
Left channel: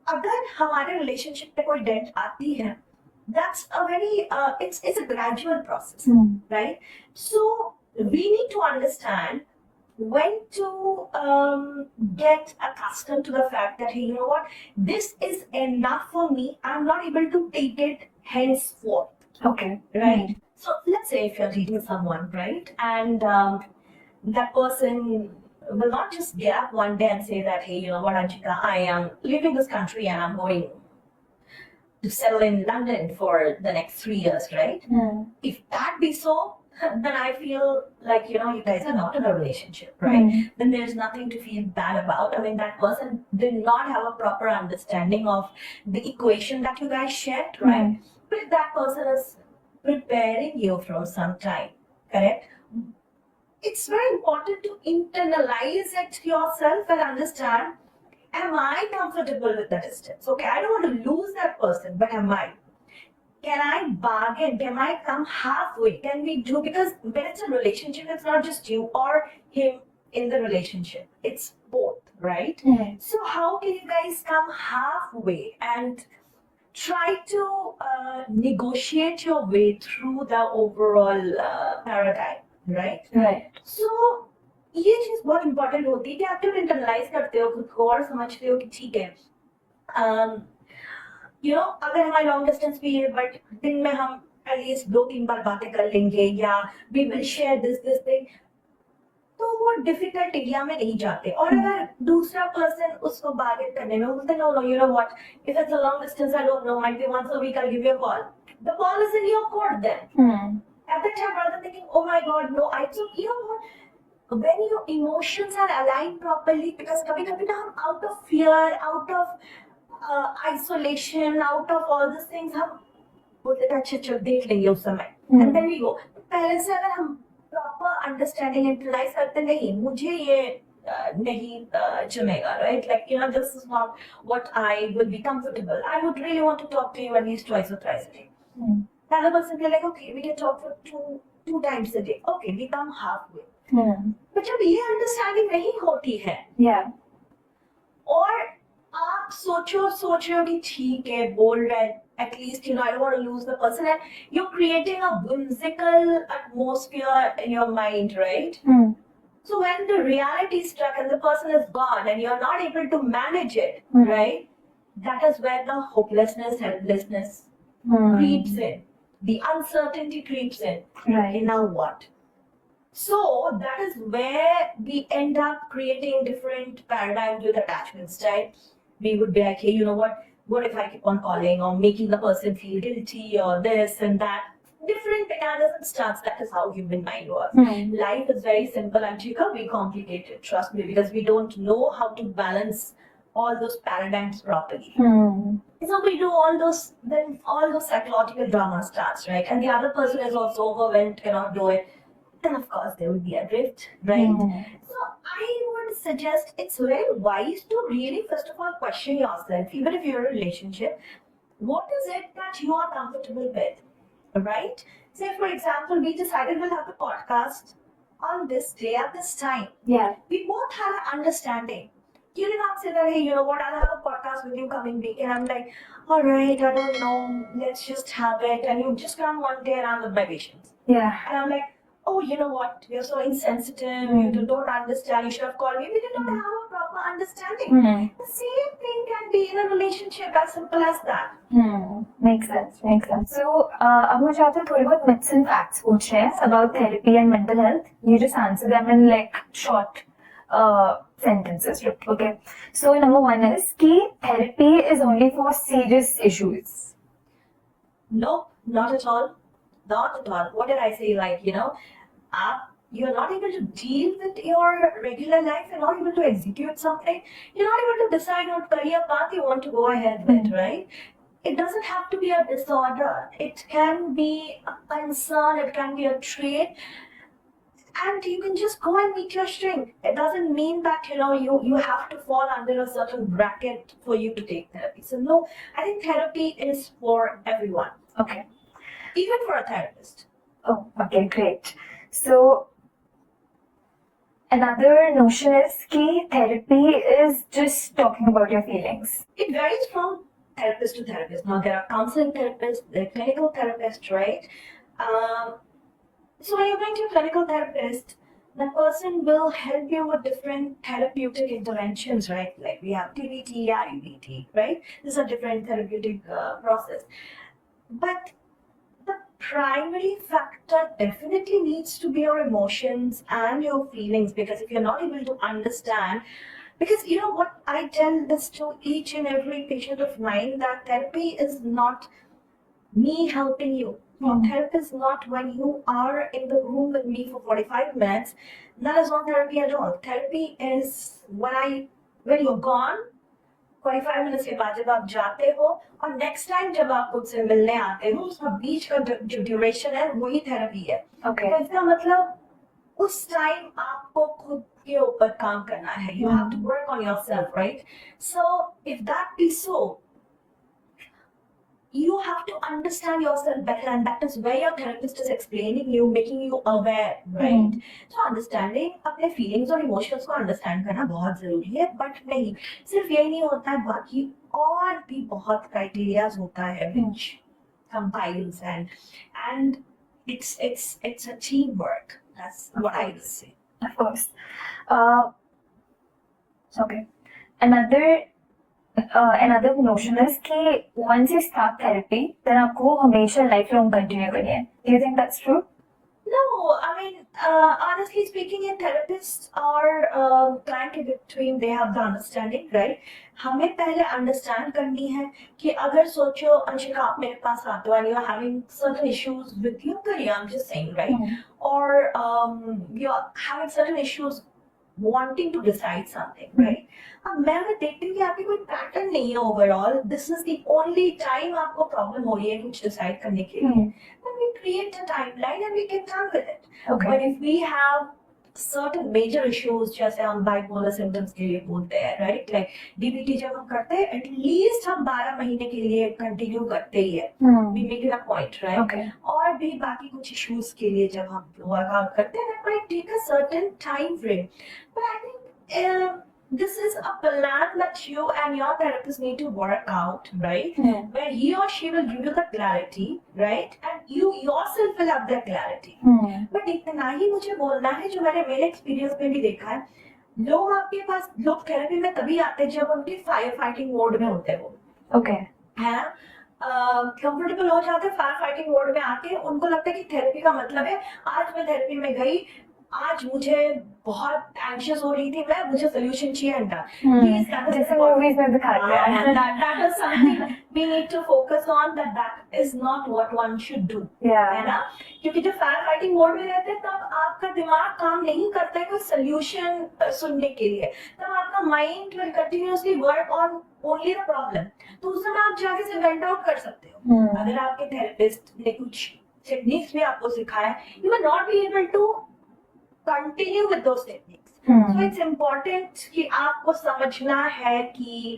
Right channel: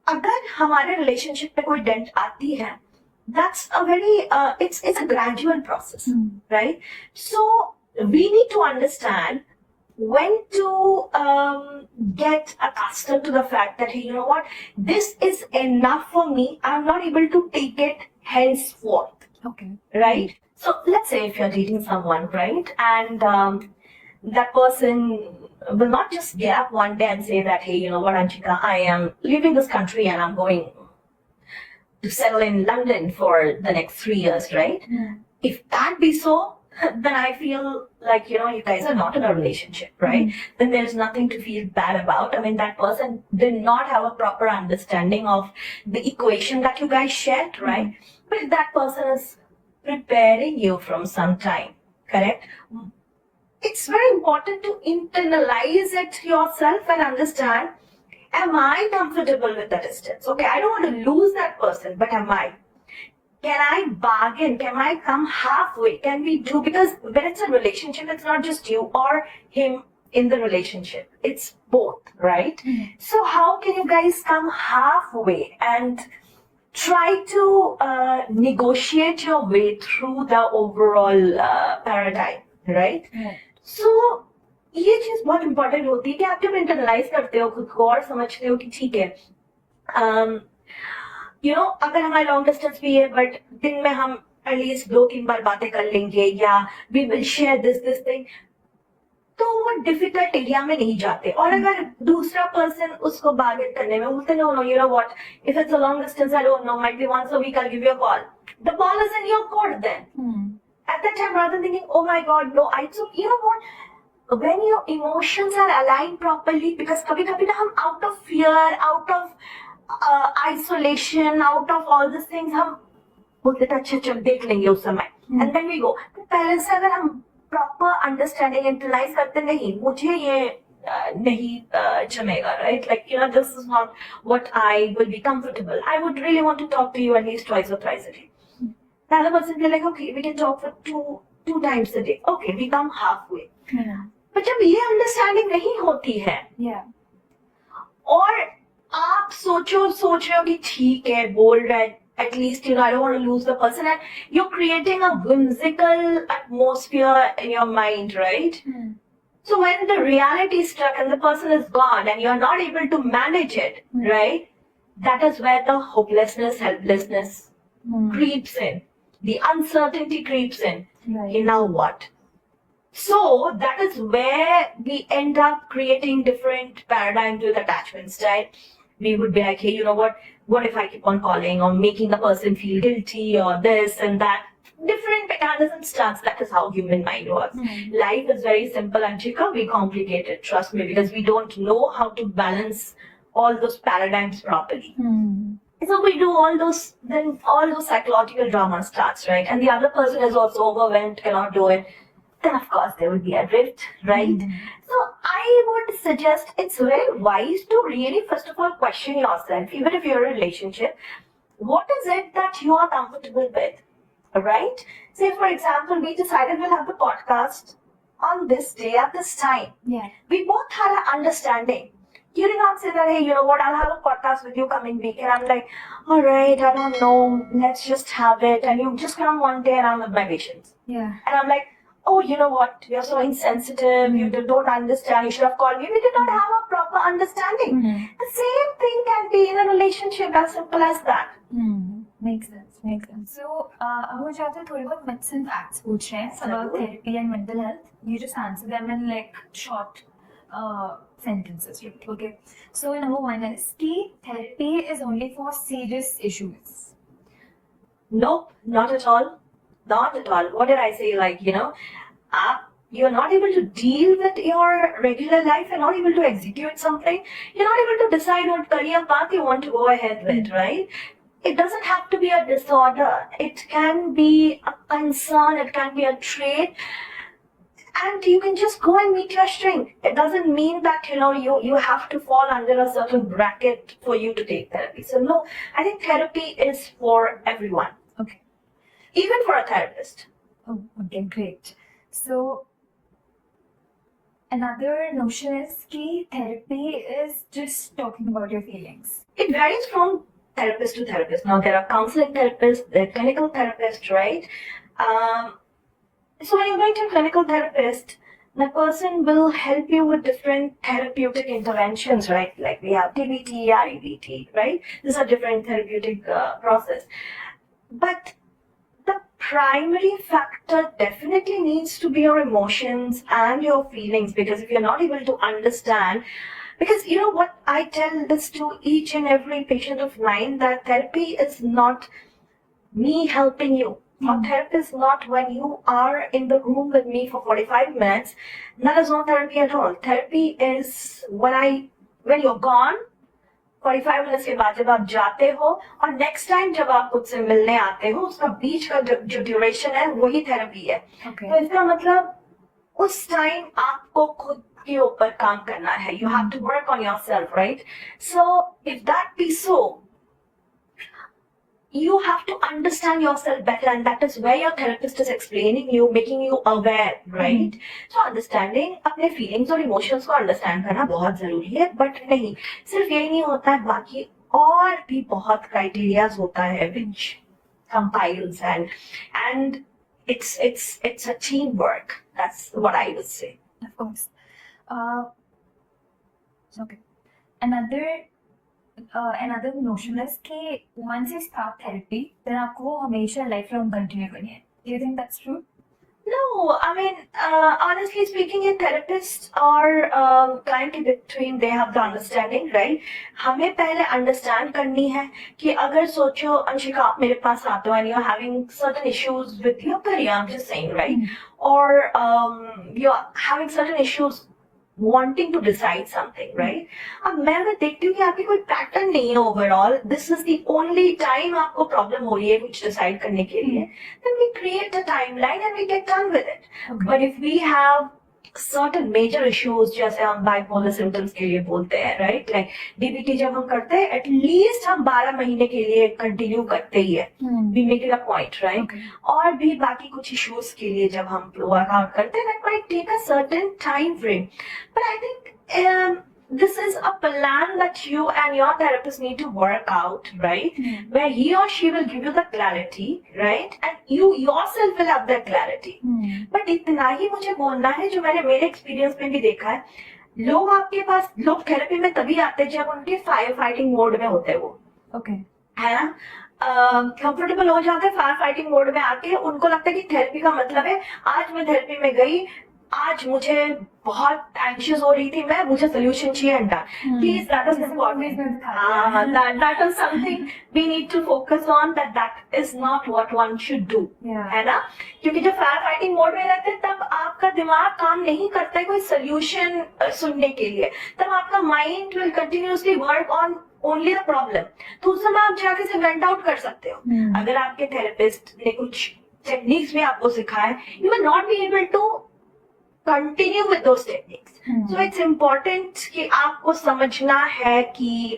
अगर हमारे रिलेशनशिप पे कोई डेंट आती है, that's a very it's a gradual process, right? So we need to understand when to get accustomed to the fact that, hey, you know what, this is enough for me, I'm not able to take it henceforth. Okay. Right? So let's say if you're dating someone, right, and that person will not just get up one day and say that, hey, you know what, Anshika, I am leaving this country and I'm going to settle in London for the next 3 years, right? If that be so, then I feel like, you guys are not in a relationship, right? Then there's nothing to feel bad about. I mean, that person did not have a proper understanding of the equation that you guys shared, right? But if that person is preparing you from some time, correct? It's very important to internalize it yourself and understand, am I comfortable with the distance? Okay, I don't want to lose that person, but am I? can I bargain? Can I come halfway? Can we do, because when it's a relationship, it's not just you or him in the relationship. It's both, right? So how can you guys come halfway and try to negotiate your way through the overall paradigm, right? Right. So ये चीज बहुत important होती है कि आप जब internalise करते हो खुद को और समझते हो कि ठीक है, यू नो, अगर हमारा लॉन्ग डिस्टेंस भी है बट दिन में हम एटलीस्ट 2-3 बार बातें कर लेंगे या we will share this thing, तो वो डिफिकल्ट एरिया में नहीं जाते. और अगर दूसरा पर्सन उसको बार्गेन करने में बोलते no no you know what, if it's a long distance I don't know, might be once a week I give you a call, the ball is in your court then. At that time, rather than thinking, oh my god, no, so you know what? When your emotions are aligned properly, because kabhi-kabhi na hum out of fear, out of isolation, out of all these things, हम बोलते थे अच्छा चल देख लेंगे उस समय, and then we go. पहले से अगर हम proper understanding internalize करते नहीं, मुझे ये नहीं जमेगा, right? Like, you know, this is not what I will be comfortable. I would really want to talk to you at least twice or thrice a day. The other person will be like, okay, we can talk for two times a day. Okay, we come halfway. Yeah. But जब ये understanding नहीं होती है Yeah. और आप सोच रहे हो कि ठीक है बोल रहा है, at least you know I don't want to lose the person, and you are creating a whimsical atmosphere in your mind, right? So when the reality struck and the person is gone and you are not able to manage it, right? That is where the hopelessness, helplessness creeps in. The uncertainty creeps in. Right. Okay, now what? So that is where we end up creating different paradigms with attachment style. We would be like, hey, you know what if I keep on calling or making the person feel guilty or this and that? Different mechanisms starts. That is how human mind works. Life is very simple and Chika, we complicate it, trust me, because we don't know how to balance all those paradigms properly. So we do all those, then all those psychological drama starts, right? And the other person is also overwhelmed, cannot do it. Then of course there will be a rift, right? So I would suggest it's very wise to really first of all question yourself, even if you're in a relationship, what is it that you are comfortable with, right? Say for example, we decided we'll have the podcast on this day at this time. Yeah. We both had an understanding. You did not say that, hey, you know what, I'll have a podcast with you coming week. And I'm like, all right, I don't know, let's just have it. And you just come one day and I'm with my patients. Yeah. And I'm like, oh, you know what, you're so insensitive, you don't understand, you should have called me. We did not have a proper understanding. The same thing can be in a relationship, as simple as that. Makes sense. So, अब मुझे आपसे थोड़ी बहुत myths and facts पूछने हैं about therapy and mental health. You just answer them in like short sentences, okay? So number one is कि therapy is only for serious issues. Nope, not at all. Not at all. What did I say? Like, you know, you're not able to deal with your regular life, you're not able to execute something, you're not able to decide what career path you want to go ahead with, right? It doesn't have to be a disorder. It can be a concern, it can be a trait. And you can just go and meet your strength. It doesn't mean that, you know, you have to fall under a certain bracket for you to take therapy. So no, I think therapy is for everyone. Okay. Even for a therapist. Oh, okay, great. So another notion is कि therapy is just talking about your feelings. It varies from therapist to therapist. Now there are counseling therapists, there are clinical therapists, right? So when you're going to a clinical therapist, the person will help you with different therapeutic interventions, right? Like we have DBT, REBT, right? These are different therapeutic process. But the primary factor definitely needs to be your emotions and your feelings, because if you're not able to understand, because you know what, I tell this to each and every patient of mine, that therapy is not me helping you. Or therapy is not when you are in the room with me for 45 minutes. That is not therapy at all. Therapy is when you're gone, 45 minutes के बाद जब आप जाते हो और next time जब आप मुझसे मिलने आते हो, उसका बीच का जो ड्यूरेशन है वही थेरेपी है. Okay. तो इसका मतलब उस टाइम आपको खुद के ऊपर काम करना है. You have to work on yourself, right? So if that be so, you have to understand yourself better, and that is where your therapist is explaining you, making you aware, right? So understanding अपने feelings और emotions को understand करना बहुत जरूरी है, but नहीं सिर्फ यही नहीं होता है, बाकी और भी बहुत criterias होता है which compiles, and it's a teamwork. That's what I would say. Of course. Okay. Another notion is कि once you start therapy, then आपको वो हमेशा lifelong continue करनी है. Do you think that's true? No, I mean, honestly speaking, in therapists or client के between, they have the understanding, right? हमें पहले understand करनी है कि अगर सोचो अंशिका आप मेरे पास आते हो and you're having certain issues with your career, I'm just saying, right? Or you're having certain issues wanting to decide something, right? अब मैं अगर देखती हूँ कि आपकी कोई पैटर्न नहीं है overall, this is the only time आपको प्रॉब्लम हो रही है कुछ डिसाइड करने के लिए, then we create a timeline and we get done with it. Okay. But if we have certain major issues, जैसे हम bipolar symptoms के लिए बोलते हैं, right? Like DBT जब हम करते हैं, at least हम 12 महीने के लिए कंटिन्यू करते ही है. We make it a point, right? Okay. और भी बाकी कुछ issues के लिए जब हम वर्कआउट करते हैं, that might take a certain time frame. But I think this is a plan that you and your therapist need to work out, right? Where he or she will give you the clarity, right? And you yourself will have that clarity. But इतना ही मुझे बोलना है जो मैंने मेरे experience में भी देखा है, लोग आपके पास लोग थेरेपी में तभी आते हैं जब उनके फायर फाइटिंग मोड में होते हैं वो, Okay. है ना? कंफर्टेबल हो जाते हैं फायर फाइटिंग मोड में आके, उनको लगता है कि थेरेपी का मतलब है आज मैं थेरेपी में गई, आज मुझे बहुत एंशियस हो रही थी मैं, मुझे सोल्यूशन चाहिए एंड प्लीज दैट इज जैसे movies में दिखाते हैं. that is something we need to focus on, that is not what one should do. Yeah. है ना? क्योंकि जब फायर फाइटिंग मोड में रहते हैं तब आपका दिमाग काम नहीं करता है कोई सोल्यूशन सुनने के लिए, तब आपका mind will continuously work on only the problem. तो उस समय आप जाके से वेंट आउट कर सकते हो. अगर आपके थेरेपिस्ट ने कुछ टेक्निक्स भी आपको सिखाए, you will not be able to continue with those techniques. So it's important कि आपको समझना है कि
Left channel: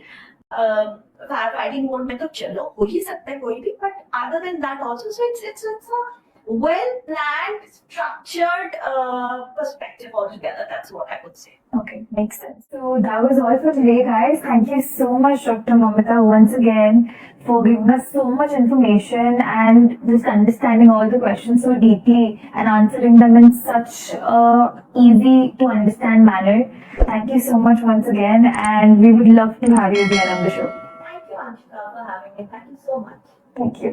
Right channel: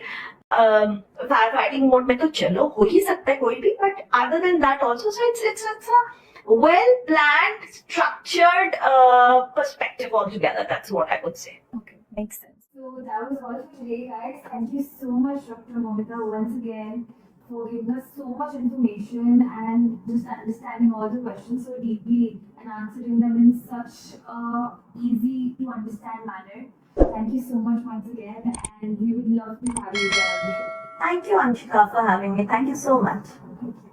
फायर फाइटिंग मोड में तो चलो हो ही सकता है कोई भी, but other than that also, so it's a well planned, structured perspective altogether. That's what I would say. Okay, makes sense. So that was all for today, guys. Thank you so much, Dr. Mamita, once again for giving us so much information and just understanding all the questions so deeply and answering them in such a easy to understand manner. Thank you so much once again, and we would love to have you again on the show. Thank you, Anshika, for having me. Thank you so much. Thank you.